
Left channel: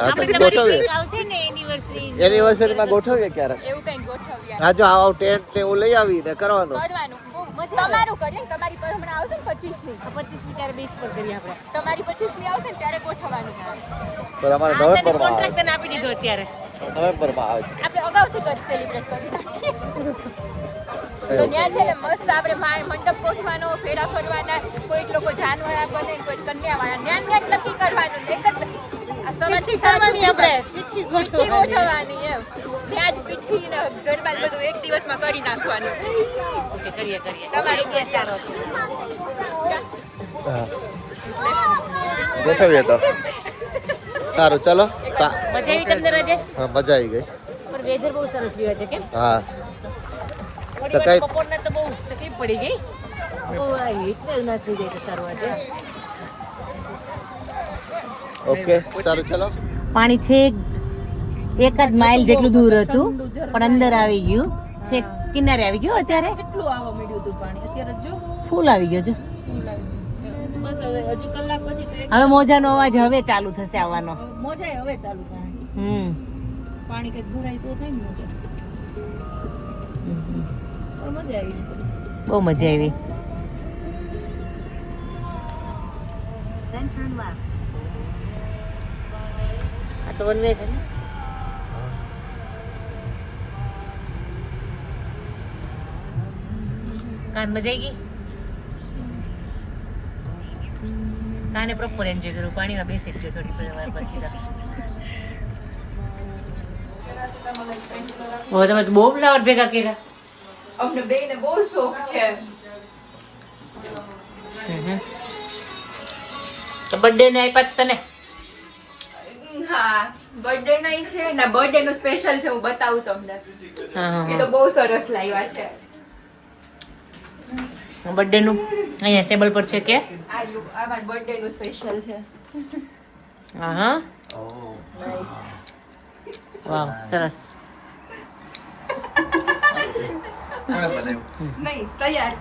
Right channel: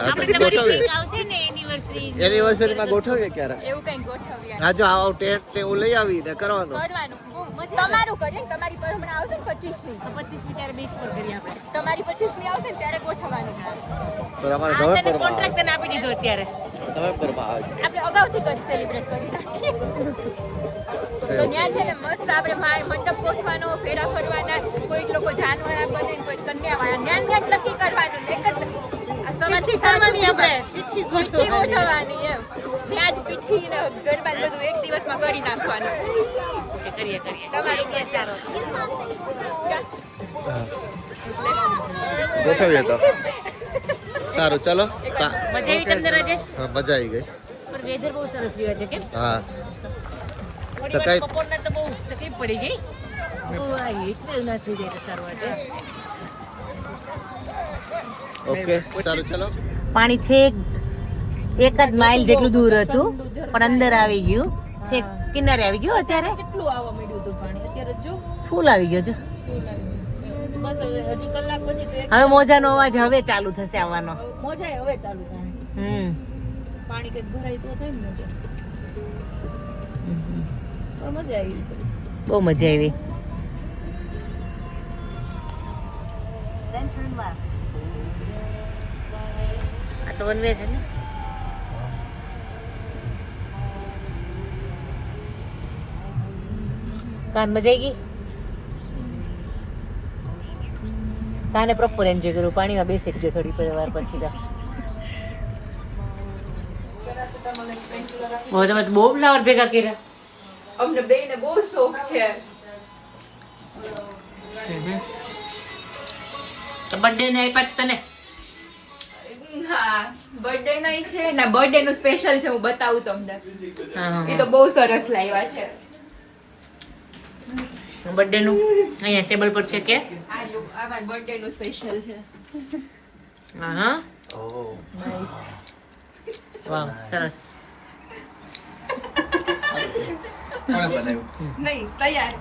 આપણે તમારી કંઈક આવશે ને એનિવર્સરીમાં ગોઠવીએ ક્યારેક. એવું કઈ ગોઠવ્યા હા, જો આવો ટેન્ટ ને એવું લઈ આવીને કરવાનું. કરવાનું બહુ મજા આવે. તમારું કરીએ, તમારી પર હમણાં આવશે ને 25મી. 25મી ત્યારે બીચ પર કરીએ આપણે. તમારી 25મી આવશે ને ત્યારે ગોઠવવાનું. પણ અમારે નવેમ્બરમાં આવે કોન્ટ્રાક્ટ તને આપી દીધો અત્યારે. છે. નવેમ્બરમાં આવે છે. આપણે અગાઉથી કરી સેલિબ્રેટ કરી નાખીએ. તો ત્યાં છે ને મસ્ત આપણે મંડપ ગોઠવાનો, ફેરા ફરવાના, કોઈક લોકો જાનવાળા બને, કોઈ કન્યાવાળા, જ્ઞાન નક્કી કરવાનું, એક જ ચિઠ્ઠી કરવાની આપણે, ચિઠ્ઠી ગોઠવવાની. ગોઠવવાની એમ. ત્યાં જ પીઠી ને ગરબા બધું એક દિવસમાં કરી નાખવાનું. ઓકે, કરીએ. તમારી કરીએ, સારો. ગોઠવીએ તો સારું. ચલો મજા આવી તમને રાજેશ? હા, મજા આવી ગઈ. પણ વેધર બહુ સરસ રહ્યો છે કેમ? હા, થોડી વાર બપોરના તો બહુ તકલીફ પડી ગઈ. એટલે ના થઈ જાય તો સારું હતું. ઓકે સારું. ચલો. પાણી છે એક જ માઇલ જેટલું દૂર હતું, પણ અંદર આવી ગયું છે, કિનારે આવી ગયું. અત્યારે કેટલું આવવા મળ્યું હતું પાણી, અત્યારે જો ફૂલ આવી ગયો છે. હવે મોજાનો અવાજ હવે ચાલુ થશે આવવાનો. મોજા હવે ચાલુ થાય. પાણી કઈ ભરાય તો થાય ને મોજા. પણ મજા આવી. બહુ મજા આવી. આ તો વન વે છે ને. કાન મજા આવી ગઈ. કાને પ્રોપર એન્જોય કર્યું. પાણીમાં બેસી ગયો થોડી વાર પછી તો. તમે તો બહુ ફ્લાવર ભેગા કર્યા. અમને બેને બહુ શોખ છે. તો બર્થડે ને આપ્યા તને. હા બર્થડે નહીં છે ના બર્થડે નું સ્પેશિયલ છે હું બતાવું તમને. એ તો બહુ સરસ લાવ્યા છે. બર્થડે નું અહીંયા ટેબલ પર છે કે આ મારા બર્થડે નું સ્પેશિયલ છે. હા વાવ સરસ. નહીં તૈયાર.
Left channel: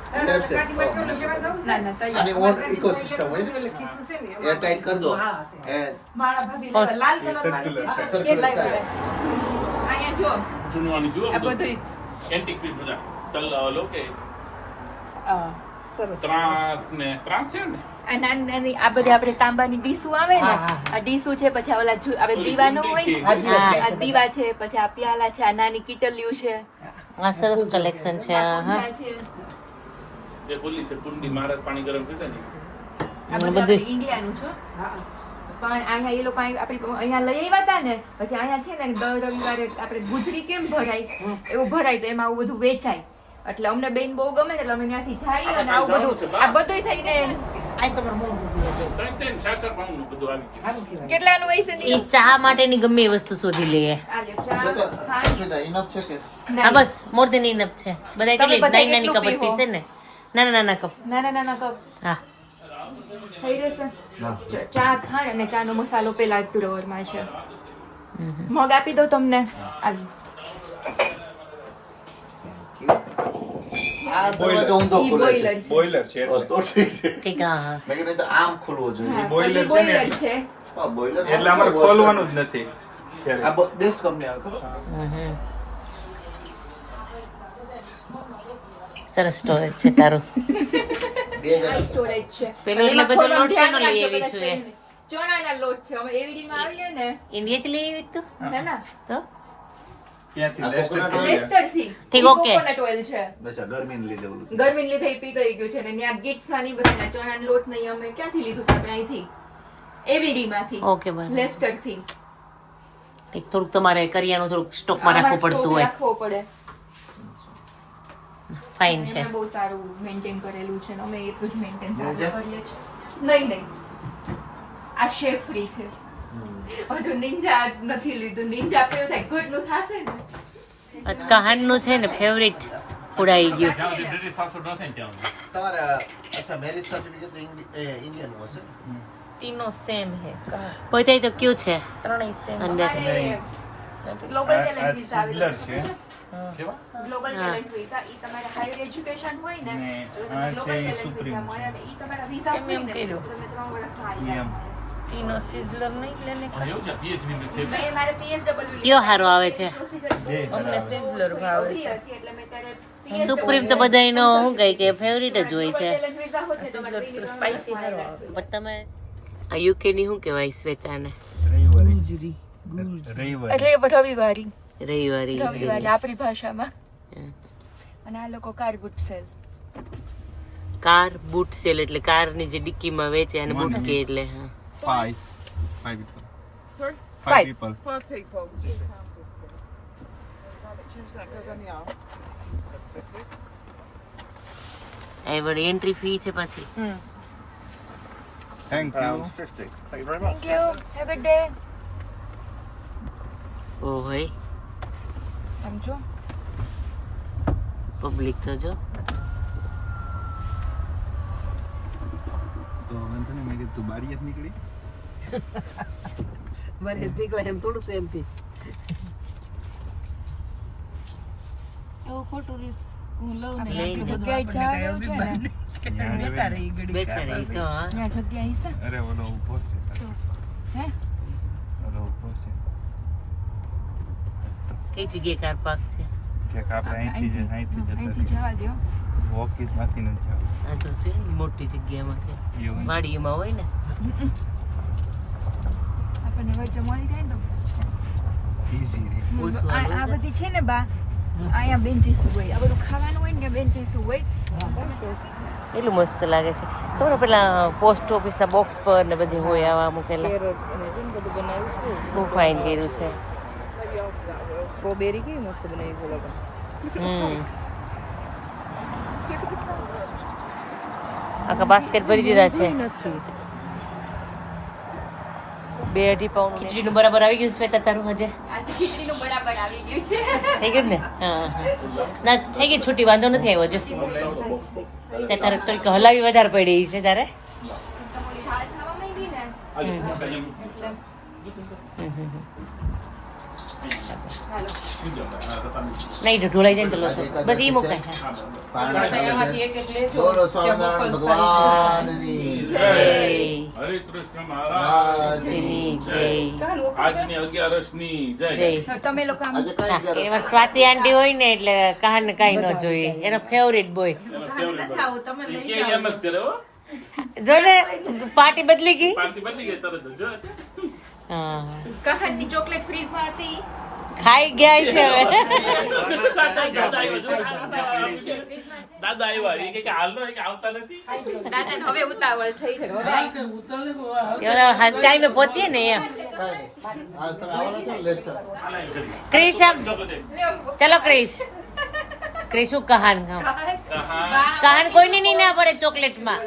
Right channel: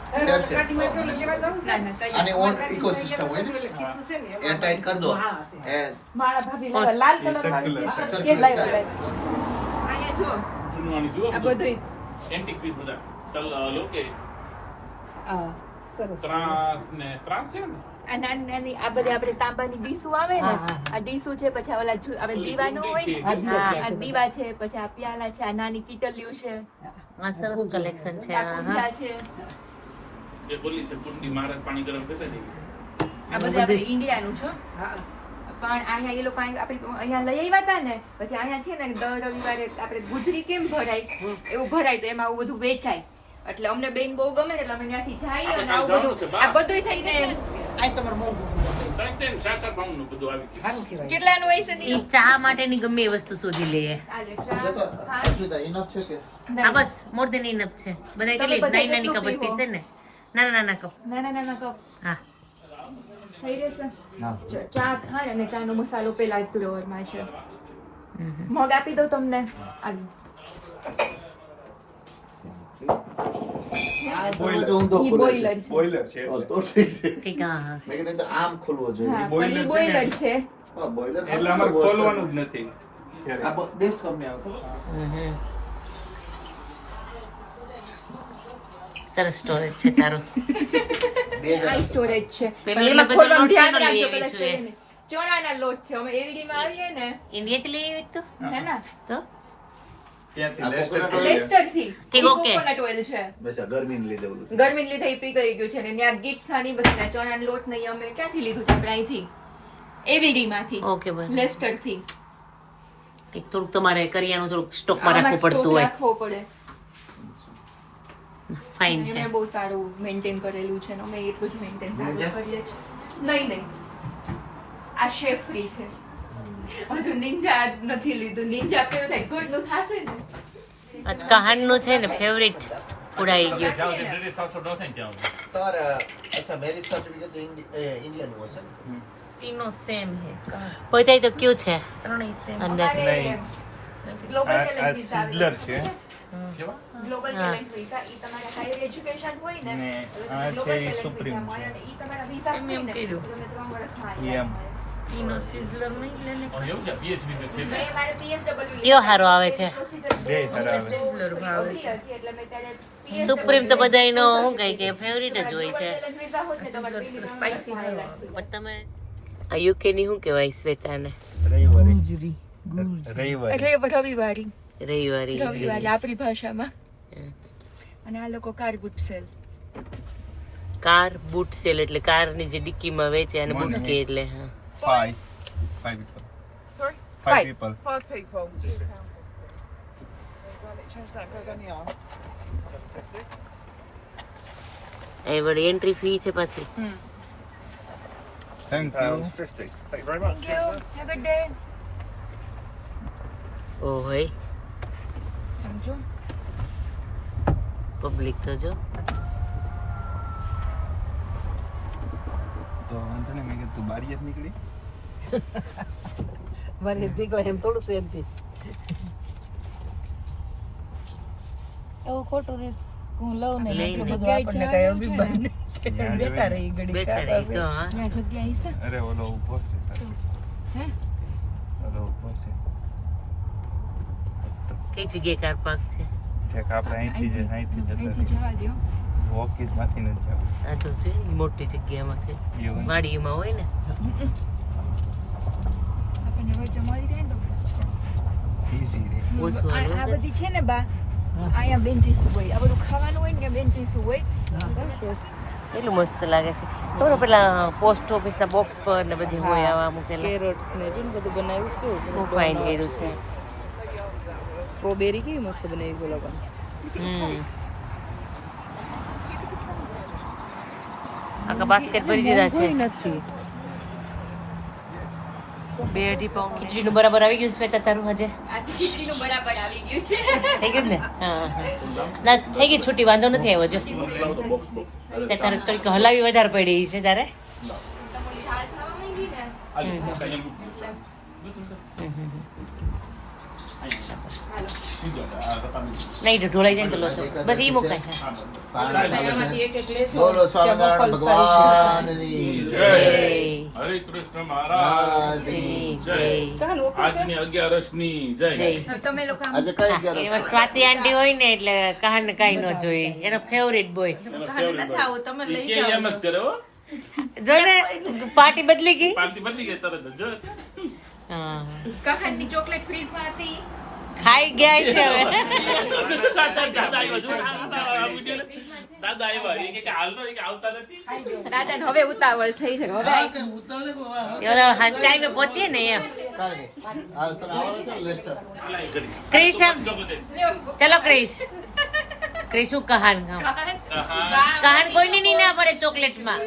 આની ઓન ઇકોસિસ્ટમ હોય ને એ ટાઈટ કરી દો એ મારા ભાભી લાલ કલર સર્ક્યુલર અહીંયા જો આ બધું એન્ટિક પીસ બધા તલ્લો કે સરસ. ત્રાસ છે ને આ નાની નાની આ બધી આપણે તાંબાની ડીશું આવે ને આ ડીશું છે પછી ઓલા આપણે દીવાનો હોય આ દીવા છે પછી આ પ્યાલા છે આ નાની કીટલીઓ છે આ સરસ કલેક્શન છે. પૂજા છે એ બોલી છે કુંડી મારા પાણી ગરમ થશે ને આ બધું આપણે ઇન્ડિયાનું છે. પણ અહીંયા એ લોકો આપણે અહીંયા લઈ આવ્યા હતા ને પછી અહીંયા છે ને દર રવિવારે આપણે ગુજરી કેમ ભરાય એવું ભરાય તો એમાં આવું બધું વેચાય એટલે અમને બેન બહુ ગમે એટલે અમે ત્યાંથી જઈએ અને આવું બધું આ બધું થઈને કેટલાનું હોય છે એ ચા માટેની ગમે એ વસ્તુ શોધી લઈએ. ઇનફ છે કે હા બસ મોર દેન ઇનફ છે. બધા કેટલી નાની નાની કપ પીસ છે ને નાના નાના કપ. નાના કપ હા થઈ રહેશે. ચા ખાંડ અને ચાનો મસાલો પેલા જ તુરવરમાં છે. મગ આપી દઉં તમને. આ દરવાજો ઊંધો ખુલે છે બોઇલર છે તો ઠીક છે ઠીક. હા મેં કીધું તો આમ ખુલવો જોઈએ બોઇલર છે. બોઇલર એટલે અમારે ખોલવાનું જ નથી. આ બેસ્ટ કંપની આવે ખબર સરસ સ્ટોરેજ છે તારું. 2000 સ્ટોરેજ છે. પેલું એટલે બધું લોટ શેનો લઈ આવી છું એ? ચોળાના લોટ છે. અમે એવીડીમાં આવીએ ને ઇન્ડિયાથી લઈ આવી તું હે ના તો ત્યાંથી લેસ્ટર થી ઠીક, ઓકે. કોકોનટ ઓઇલ છે. બેસા ગરમીને લીધે ઓલું ગરમીને લીધે ઈ પી ગયું છે ને ત્યાં ગીટ્સા ની બધા ચણાનો લોટ નહીં અમે ક્યાંથી લીધું છે આપણે અહીંથી એવીડી માંથી ઓકે બરાબર. લેસ્ટર થી ઠીક. થોડુંક તમારે કરિયાનું થોડુંક સ્ટોકમાં રાખવું પડતું હોય. રાખવો પડે. ફાઇન છે. અમે બહુ સારું મેન્ટેન કરેલું છે ને અમે એટલું જ મેન્ટેન સારું છે? કરીએ છીએ. નહીં આ શેફ ફ્રી છે. હજુ નિંજા નથી લીધું. નિંજા પીવું થાય ઘટનું થશે ને. કહાનનું છે ને ફેવરિટ ફૂડ આવી ગયું. જાવ તે બ્રિટિશ હાઉસ ન થાય ત્યાં તમારે અચ્છા મેરેજ સર્ટિફિકેટ તો ઇન્ડિયન હશે तीनों सेम है. પોતે તો ક્યુ છે અંદર. ગ્લોબલ ટેલેન્ટ વિઝા સિઝલર છે કેવા ગ્લોબલ ટેલેન્ટ વિઝા ઈ તમારે હાયર એજ્યુકેશન હોય ને ને તો આ ગ્લોબલ છે ઈ ટેલેન્ટ સુપ્રીમ વિઝા મળે અને ઈ તમારા વિઝા હોય ને તો તમે 3 વર્ષમાં એમ तीनों सिजलर नहीं लेने એવું છે પીએચડી મે છે મેં મારે PSW કયો હારો આવે છે? બે બરાબર સિઝલર ભાવે છે એટલે મેં ત્યારે સુપ્રીમ તો બધાયનો શું કહે કે ફેવરિટ જ હોય છે. ટેલેન્ટ વિઝા હોય ને તમારે સ્પાઈસી નહીં લાગે. પણ તમે આ યુકે ની શું કહેવાય શ્વેતાને? રવિવારે એટલે રવિવારી રવિવારી. રવિવારી આપણી ભાષામાં. અને આ લોકો કાર્બુટ સેલ કાર બૂટ સેલ એટલે કાર ની જે ડિક્કીમાં વેચે અને બૂટ કે એટલે હા. 5 people Sorry? 5 people એ વળી એન્ટ્રી ફી છે પાછી. thank you 50 thank you very much Thank you. Have a good day. ઓ હોય સમજો પબ્લિક તો જો. તો વાંધો નહીં મેં કીધું તું બારી જ નીકળી એવું ખોટું રીસ હું લઉં ને લઈને આપણી જગ્યાએ જાવ છે ને બેઠા રહી ઘડી બેઠા રહી તો હા. ત્યાં જગ્યા હશે અરે ઓલો ઊભો છે હે ઓલો ઊભો છે કઈ જગ્યાએ કાર પાર્ક છે? ઠેક આપણે અહીંથી અહીંથી જવા દો ઓફિસ માંથી ન જાવ આ તો છે મોટી જગ્યામાં છે, એવું વાડીમાં હોય ને. આપણને વચ્ચે મળી જાય ને તો ઈઝી રે ઓછું આ આવે બધી છે ને બા અહીંયા બેન્ચીસ હોય, આ બધું ખાવાનું હોય ને ત્યાં બેન્ચીસ હોય. એટલું મસ્ત લાગે છે. ખબર પેલા પોસ્ટ ઓફિસ ના બોક્સ પર ને બધી હોય આવા મૂકેલા. કેરેટ્સ ને જે બધું બનાવ્યું કેવું છે. બહુ ફાઇન કર્યું છે. સ્ટ્રોબેરી કેવી મસ્ત બનાવી છે લોકો. આખા બાસ્કેટ ભરી દીધા છે. નથી 2-2.5 પાઉન્ડ ખીચડીનું બરાબર આવી ગયું શ્વેતા તારું હજે? આજે ખીચડીનું બરાબર આવી ગયું છે. થઈ ગયું ને? હા હા ના થઈ ગઈ છૂટી, વાંધો નથી આવ્યો જો. ત્યાં તારે કંઈક હલાવી વધારે પડી છે તારે. નહીં તો ઢોળાઈ જાય ને તો લોસો બસ ઈ મુકાય. બોલો સ્વામિનારાયણ ભગવાનની જય. હરે કૃષ્ણ મહારાજની જય જય આજની 11મી જય. જય. તમે લોકો આમ આજે કઈ ગયા એમાં સ્વાતિ આંટી હોય ને એટલે કહાને કાંઈ ન જોઈએ, એનો ફેવરિટ બોય. કે એમ જ કરે હો, જો ને પાર્ટી બદલી ગઈ. પાર્ટી બદલી ગઈ તરત જ જો. હા કહાનની ચોકલેટ ફ્રીઝમાં હતી. ખાઈ ગયા છે હવે. દાદા આવ્યા એ કે હાલ કે આવતા નથી. દાદાને હવે ઉતાવળ થઈ છે. ટાઈમે પહોંચીએ ને એમ. કઈ નહીં. આ તમે આવવાના છો ને લેસ્ટર? ક્રિશ આમ ચલો ક્રિશ. ક્રિશ હું કહાન ખાઉં. કહાન કોઈને નહીં ના પડે ચોકલેટમાં.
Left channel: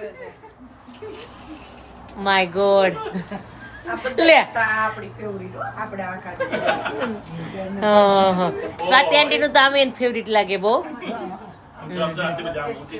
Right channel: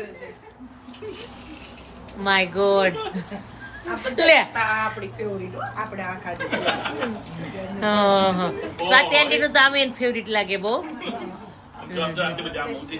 માય ગોડ લે. આપણી ફેવરિટ આપણે આ ખાધું. સ્વાતિ આંટી નું તો આમે ફેવરિટ લાગે બહુ. જો આંટી જામ ઊંચી.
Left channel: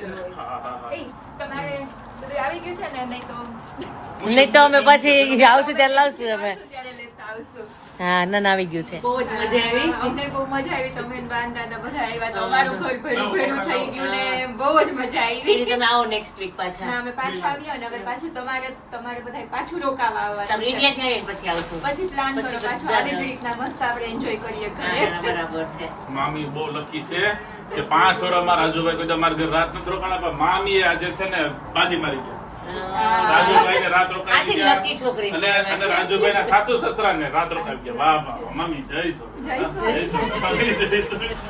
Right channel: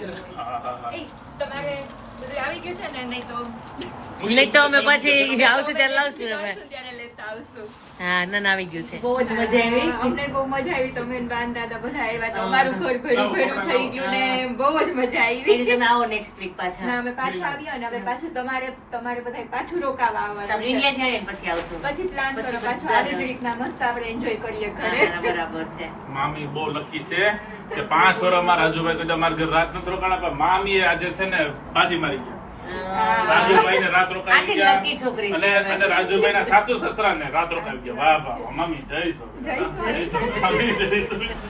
તમારે બધું આવી ગયું છે ને? નહીં તો અમે પછી આવશું ત્યારે લાવશું અમે. ત્યારે લેતા આવશું. હા ના ના આવી ગયું છે. બહુ જ મજા આવી. અમને બહુ મજા આવી. તમે ને બાન દાદા બધા આવ્યા તો અમારું ઘર ભર્યું થઈ ગયું ને બહુ જ મજા આવી. તમે આવો નેક્સ્ટ વીક પાછા. ના, અમે પાછા આવ્યા ને હવે પાછું તમારે બધા પાછું રોકાવા આવવાનું તમે છે. ઇન્ડિયા થી આવીને પછી આવશું. પછી પ્લાન કરો પાછું આવી જ રીતના મસ્ત આપણે એન્જોય કરીએ ઘરે. હા, બરાબર છે. મામી બહુ લકી છે કે 5 વર્ષ અમારા રાજુભાઈ કોઈ અમારા ઘર રાત નથી રોકાણા, પણ મામી આજે છે ને બાજી મારી ગયા. રાજુભાઈ ને રાત રોકાવી આથી ગયા lucky છોકરી છે. અને રાજુભાઈ ના સાસુ સસરા ને રાત રોકાવી ગયા. વાહ વાહ મામી જય સોમનાથ. જય સોમનાથ. જય સોમનાથ.